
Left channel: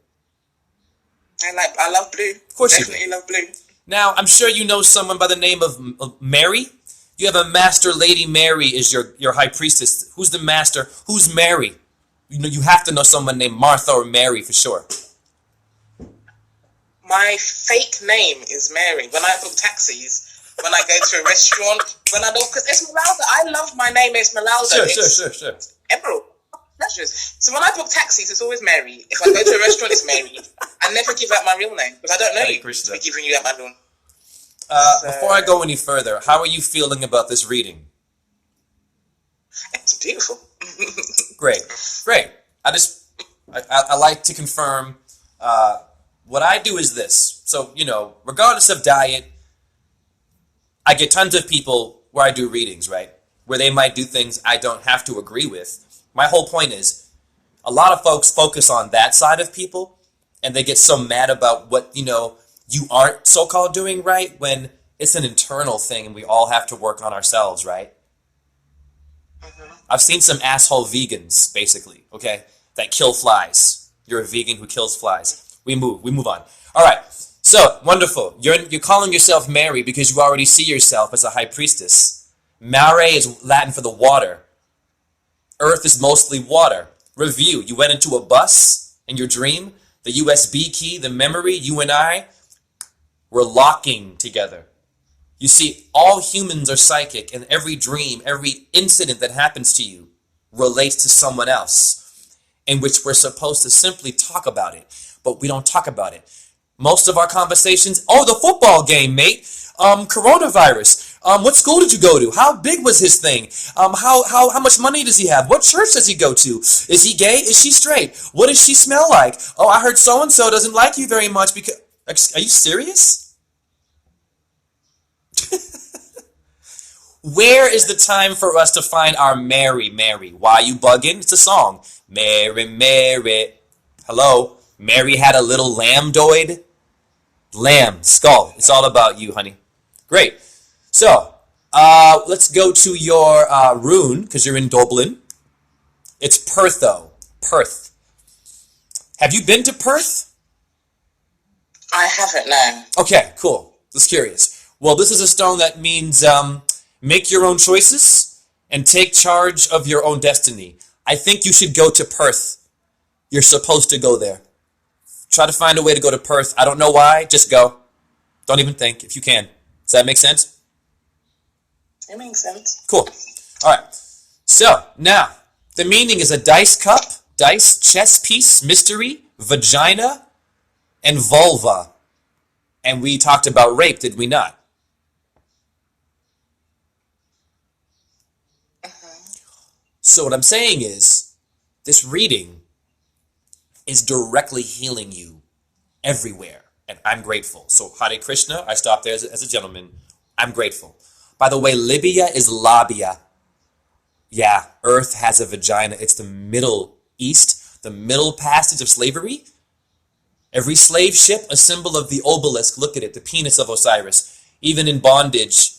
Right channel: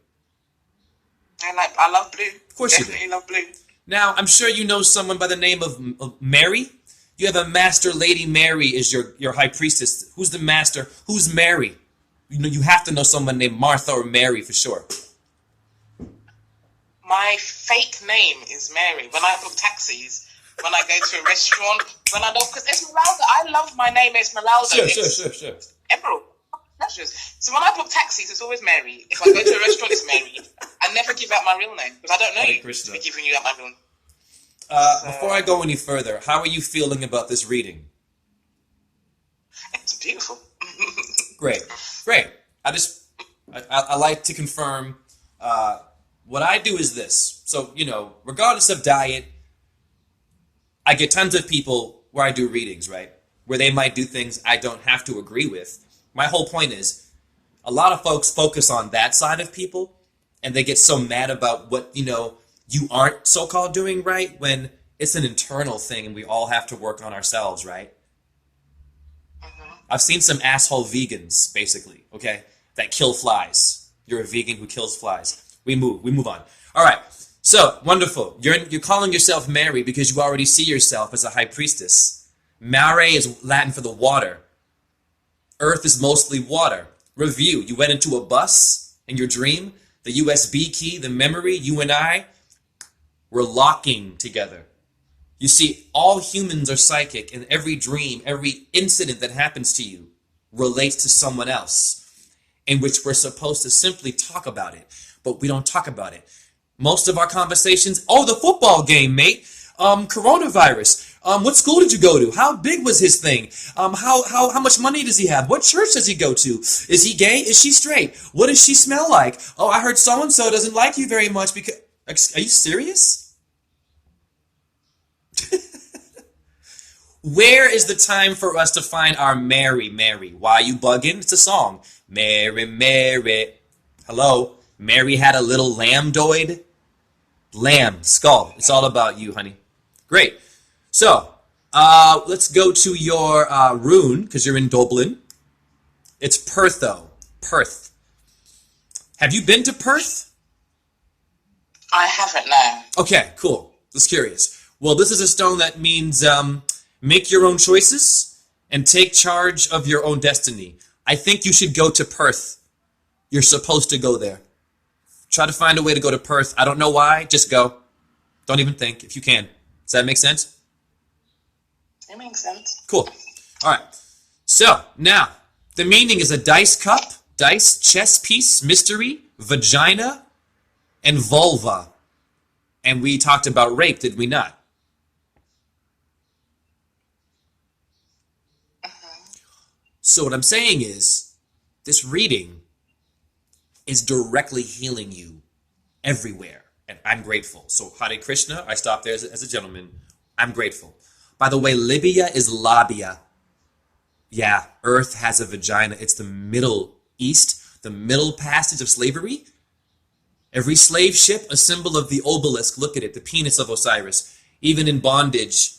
I love blue. Of course Definitely you do. Love blue. Now, I'm sure you know someone by the name of Mary. You have a master. Lady Mary is your High Priestess. Who's the master? Who's Mary? You have to know someone named Martha or Mary for sure. My fake name is Mary. When I book taxis, when I go to a restaurant, when I don't, because Esmeralda, I love my name Esmeralda. Sure. Emerald. So when I book taxis, it's always Mary. If I go to a restaurant, it's Mary. I never give out my real name because I don't know you to be giving you out my real name. Before I go any further, how are you feeling about this reading? It's beautiful. Great. I like to confirm. What I do is this. So, regardless of diet, I get tons of people where I do readings, right? Where they might do things I don't have to agree with. My whole point is, a lot of folks focus on that side of people, and they get so mad about what, you aren't so-called doing right, when it's an internal thing and we all have to work on ourselves, right? I've seen some asshole vegans, basically, okay, that kill flies. You're a vegan who kills flies. We move on. All right, so, wonderful. You're calling yourself Mary because you already see yourself as a high priestess. Mare is Latin for the water. Earth is mostly water. Review. You went into a bus in your dream. The USB key, the memory, you and I, we're locking together. You see, all humans are psychic, and every dream, every incident that happens to you relates to someone else, in which we're supposed to simply talk about it, but we don't talk about it. Most of our conversations, the football game, mate. Coronavirus. What school did you go to? How big was his thing? How much money does he have? What church does he go to? Is he gay? Is she straight? What does she smell like? Oh, I heard so-and-so doesn't like you very much because... Are you serious? Where is the time for us to find our Mary, Mary? Why you bugging? It's a song. Mary, Mary. Hello? Mary had a little lambdoid. Lamb, skull. It's all about you, honey. Great. So, let's go to your rune, because you're in Dublin. It's Pertho. Perth. Have you been to Perth? I haven't, no. Okay, cool. Just curious. Well, this is a stone that means make your own choices and take charge of your own destiny. I think you should go to Perth. You're supposed to go there. Try to find a way to go to Perth. I don't know why. Just go. Don't even think, if you can. Does that make sense? It makes sense. Cool. All right. So, now, the meaning is a dice cup, dice, chess piece, mystery, vagina, and vulva. And we talked about rape, did we not? So what I'm saying is, this reading is directly healing you everywhere. And I'm grateful. So Hare Krishna, I stopped there as a gentleman. I'm grateful. By the way, Libya is labia. Yeah, Earth has a vagina. It's the Middle East, the middle passage of slavery. Every slave ship, a symbol of the obelisk. Look at it, the penis of Osiris. Even in bondage,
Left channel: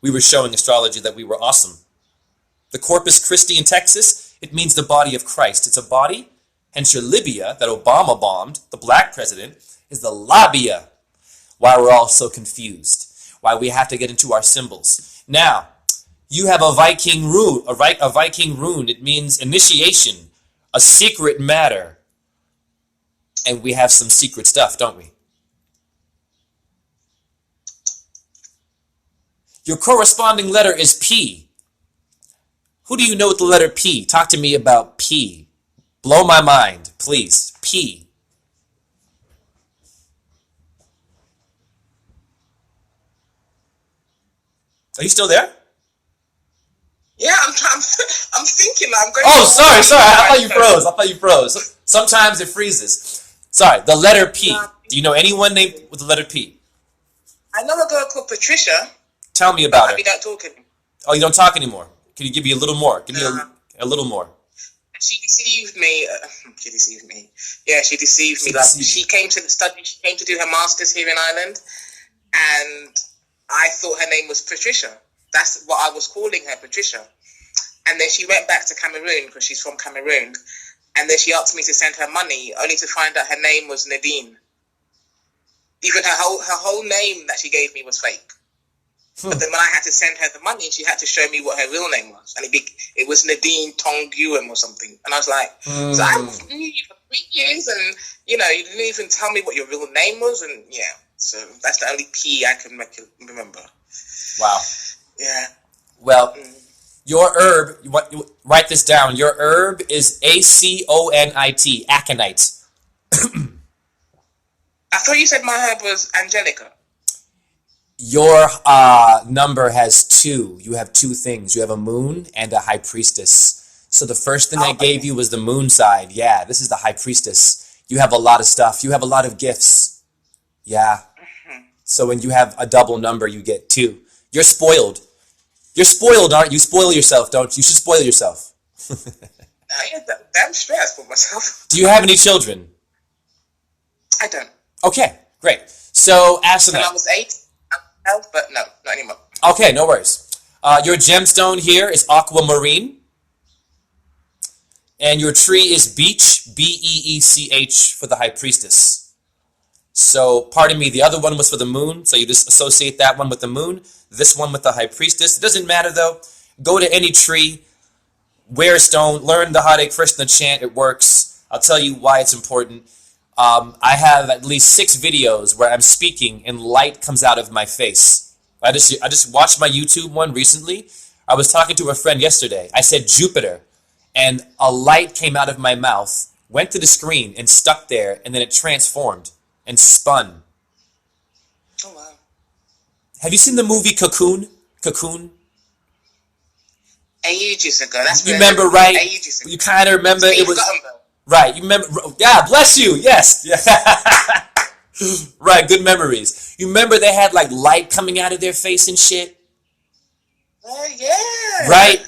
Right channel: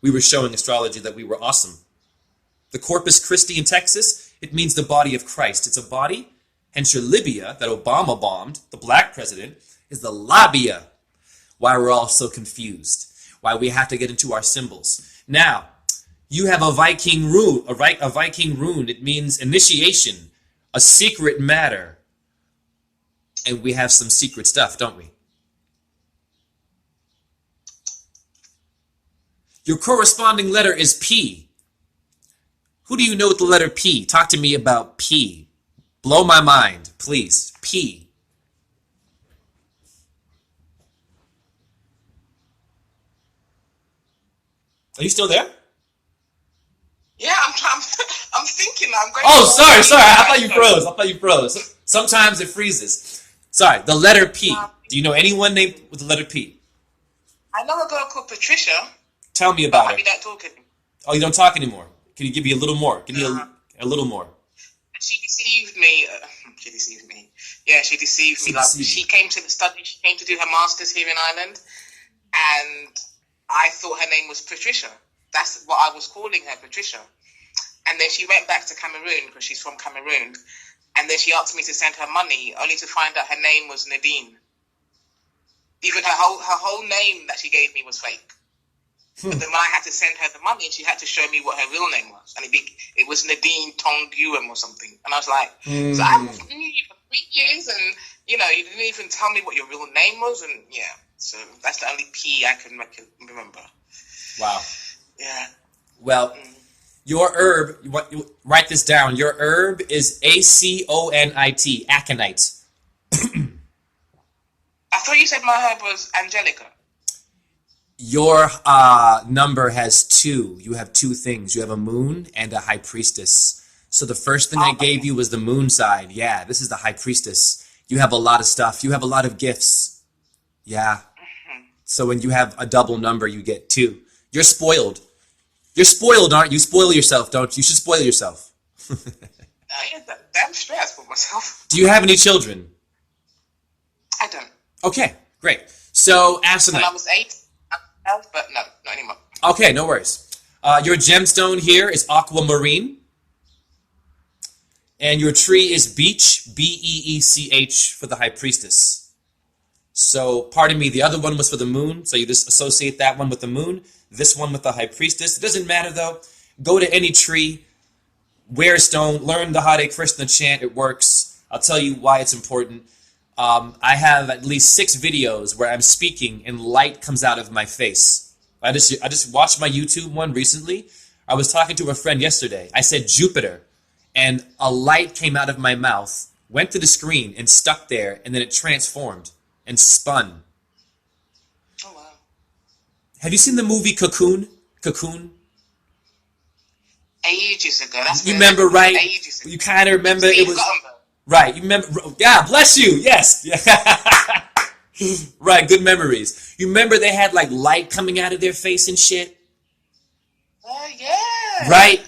we were showing astrology that we were awesome. The Corpus Christi in Texas, it means the body of Christ. It's a body. Hence your Libya that Obama bombed, the black president, is the labia. Why we're all so confused. Why we have to get into our symbols. Now, you have a Viking rune. A Viking rune, it means initiation, a secret matter. And we have some secret stuff, don't we? Your corresponding letter is P. Who do you know with the letter P? Talk to me about P. Blow my mind, please. P. Are you still there? Yeah, I'm thinking. I'm going. Oh, sorry. I thought you froze. Sometimes it freezes. Sorry. The letter P. Do you know anyone named with the letter P? I know a girl called Patricia. Tell me about her. We don't talk anymore. Oh, you don't talk anymore. Can you give me a little more? Give me a little more. She deceived me. She deceived me. Yeah, she deceived me. She came to study. She came to do her masters here in Ireland, and I thought her name was Patricia. That's what I was calling her, Patricia. And then she went back to Cameroon because she's from Cameroon, and then she asked me to send her money, only to find out her name was Nadine. Even her whole name that she gave me was fake. But then when I had to send her the money, she had to show me what her real name was. And it was Nadine Tonguem or something. And I was like, so I knew you for 3 years and, you didn't even tell me what your real name was. And yeah, so that's the only P I can remember. Wow. Yeah. Well, your herb, write this down. Your herb is aconite, aconite. I thought you said my herb was Angelica. Your number has two. You have two things. You have a moon and a high priestess. So the first thing I gave you was the moon side. Yeah, this is the high priestess. You have a lot of stuff. You have a lot of gifts. Yeah. So when you have a double number, you get two. You're spoiled. You're spoiled, aren't you? Spoil yourself, don't you? You should spoil yourself. I ain't that damn stressed for myself. Do you have any children? I don't. Okay, great. So When I Asenath. was 8, but no, not anymore. Okay, no worries. Your gemstone here is aquamarine. And your tree is beech, Beech for the high priestess. So, pardon me, the other one was for the moon, so you just associate that one with the moon, this one with the high priestess. It doesn't matter though. Go to any tree, wear a stone, learn the Hare Krishna chant, it works. I'll tell you why it's important. I have at least 6 videos where I'm speaking and light comes out of my face. I just watched my YouTube one recently. I was talking to a friend yesterday. I said Jupiter, and a light came out of my mouth, went to the screen and stuck there, and then it transformed and spun. Oh, wow. Have you seen the movie Cocoon? Cocoon? Ages ago. That's You remember, right? Ages ago. You kind of remember it Steve was... Guttenberg. Right, you remember... Yeah, bless you, yes. Yeah. Right, good memories. You remember they had like light coming out of their face and shit? Yeah. Right?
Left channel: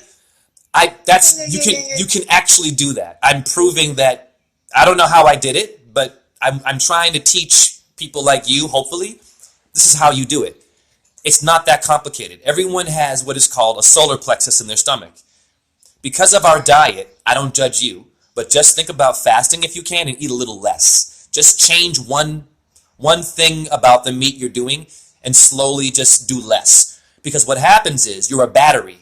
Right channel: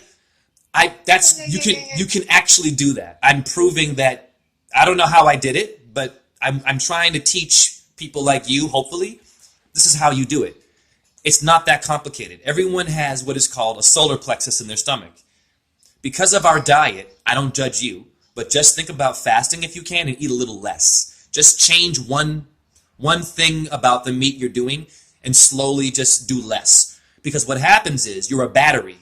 You can actually do that. I'm proving that. I don't know how I did it, but I'm trying to teach people like you, hopefully, this is how you do it. It's not that complicated. Everyone has what is called a solar plexus in their stomach. Because of our diet, I don't judge you, but just think about fasting if you can and eat a little less. Just change one thing about the meat you're doing and slowly just do less. Because what happens is you're a battery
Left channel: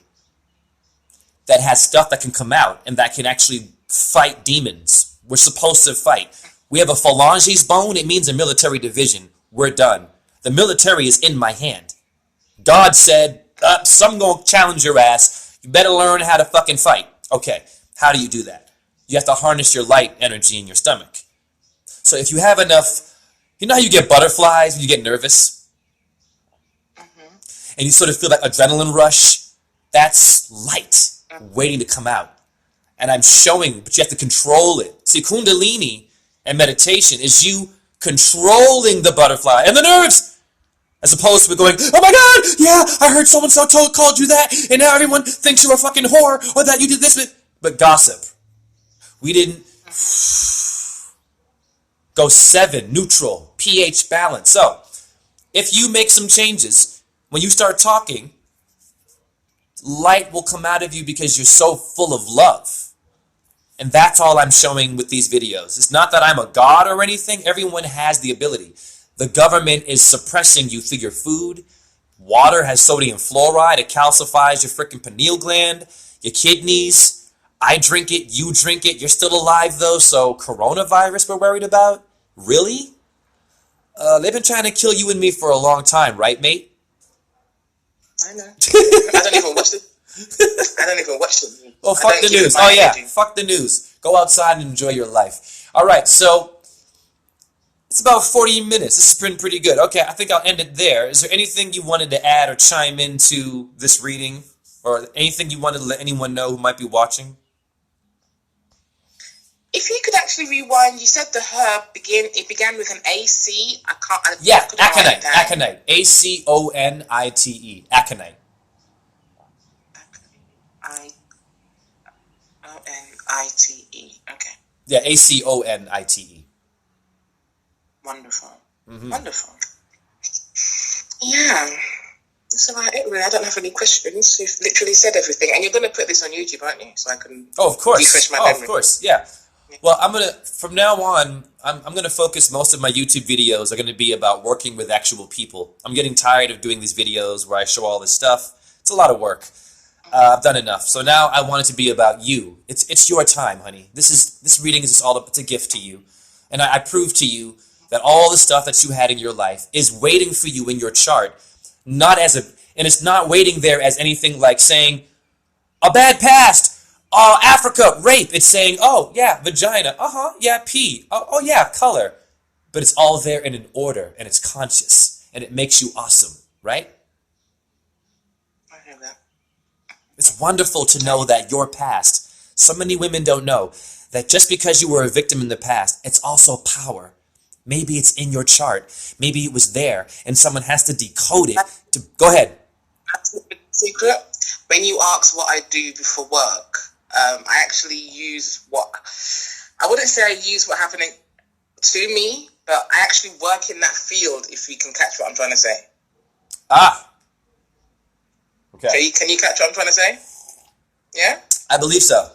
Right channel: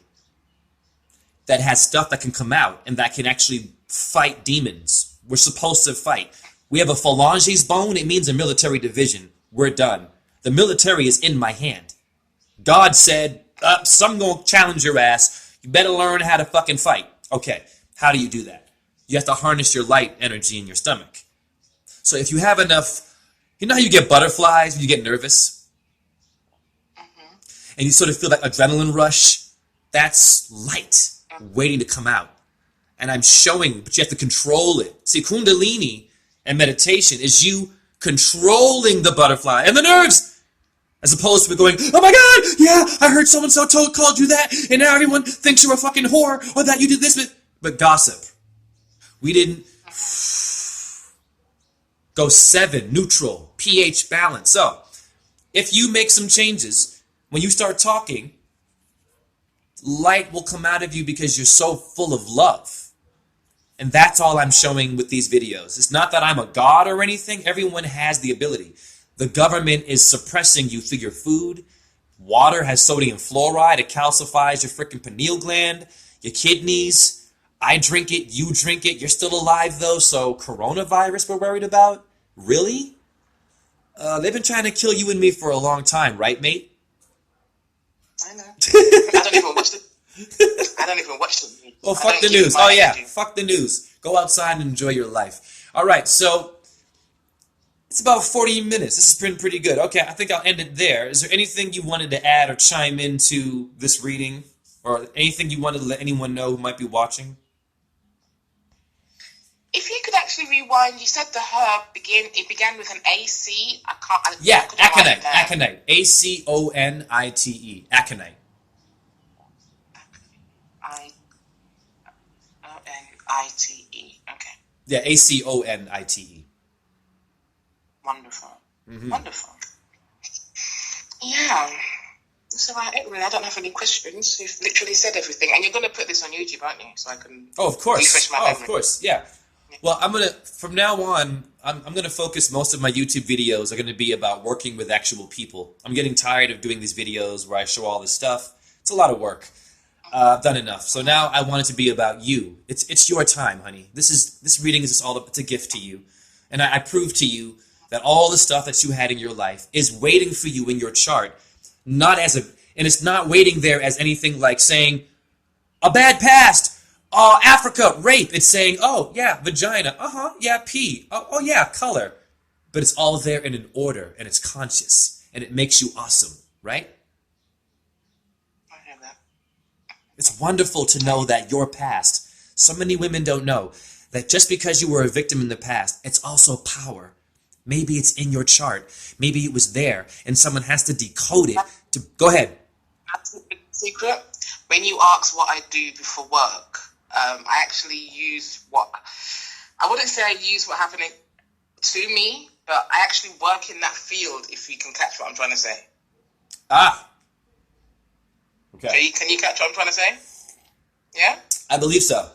that has stuff that can come out and that can actually fight demons. We're supposed to fight. We have a phalanges bone. It means a military division. We're done. The military is in my hand. God said, some gonna challenge your ass. You better learn how to fucking fight. Okay, how do you do that? You have to harness your light energy in your stomach. So if you have enough, you know how you get butterflies when you get nervous? And you sort of feel that adrenaline rush? That's light waiting to come out. And I'm showing, but you have to control it. See, Kundalini and meditation is you controlling the butterfly and the nerves, as opposed to going, oh my God, yeah, I heard so-and-so called you that, and now everyone thinks you're a fucking whore, or that you did this, but gossip. We didn't go 7, neutral, pH balance. So, if you make some changes, when you start talking, light will come out of you because you're so full of love. And that's all I'm showing with these videos. It's not that I'm a god or anything. Everyone has the ability. The government is suppressing you through your food. Water has sodium fluoride. It calcifies your freaking pineal gland, your kidneys. I drink it. You drink it. You're still alive, though. So coronavirus we're worried about? Really? They've been trying to kill you and me for a long time, right, mate? I know. I don't even watch them. I don't even watch them. Oh, fuck the news. Oh, yeah. Fuck the news. Go outside and enjoy your life. All right, so it's about 40 minutes. This has been pretty good. Okay, I think I'll end it there. Is there anything you wanted to add or chime into this reading? Or anything you wanted to let anyone know who might be watching? If you could actually rewind, you said the herb began with an AC. Yeah, aconite. Aconite. Aconite. Aconite. Ionite. Okay. Yeah, Aconite. Wonderful. Wonderful. Yeah. That's about it, really. I don't have any questions. You've literally said everything. And you're going to put this on YouTube, aren't you? So I can of course. refresh my memory. Of course, yeah. Well, from now on, I'm going to focus most of my YouTube videos are going to be about working with actual people. I'm getting tired of doing these videos where I show all this stuff. It's a lot of work. I've done enough. So now I want it to be about you. It's your time, honey. This reading is just it's a gift to you. And I prove to you that all the stuff that you had in your life is waiting for you in your chart, and it's not waiting there as anything like saying, a bad past, Africa, rape. It's saying, oh, yeah, vagina, yeah, pee, oh, yeah, color. But it's all there in an order, and it's conscious, and it makes you awesome, right? I hear that. It's wonderful to know that your past, so many women don't know, that just because you were a victim in the past, it's also power. Maybe it's in your chart. Maybe it was there, and someone has to decode it. Go ahead. That's a big secret. When you ask what I do before work, I actually use I wouldn't say I use what happened to me, but I actually work in that field, if you can catch what I'm trying to say. Ah. Okay. Can you catch what I'm trying to say? Yeah? I believe so.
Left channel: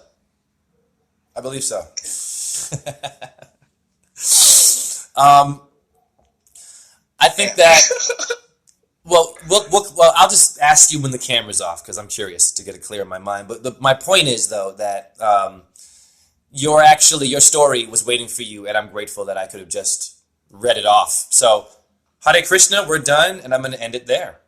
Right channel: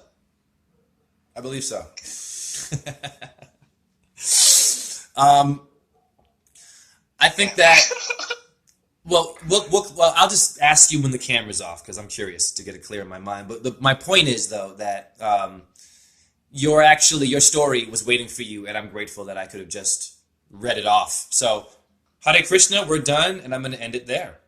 I believe so. I think that, well, I'll just ask you when the camera's off because I'm curious to get it clear in my mind. But my point is, though, that your story was waiting for you, and I'm grateful that I could have just read it off. So, Hare Krishna, we're done, and I'm going to end it there.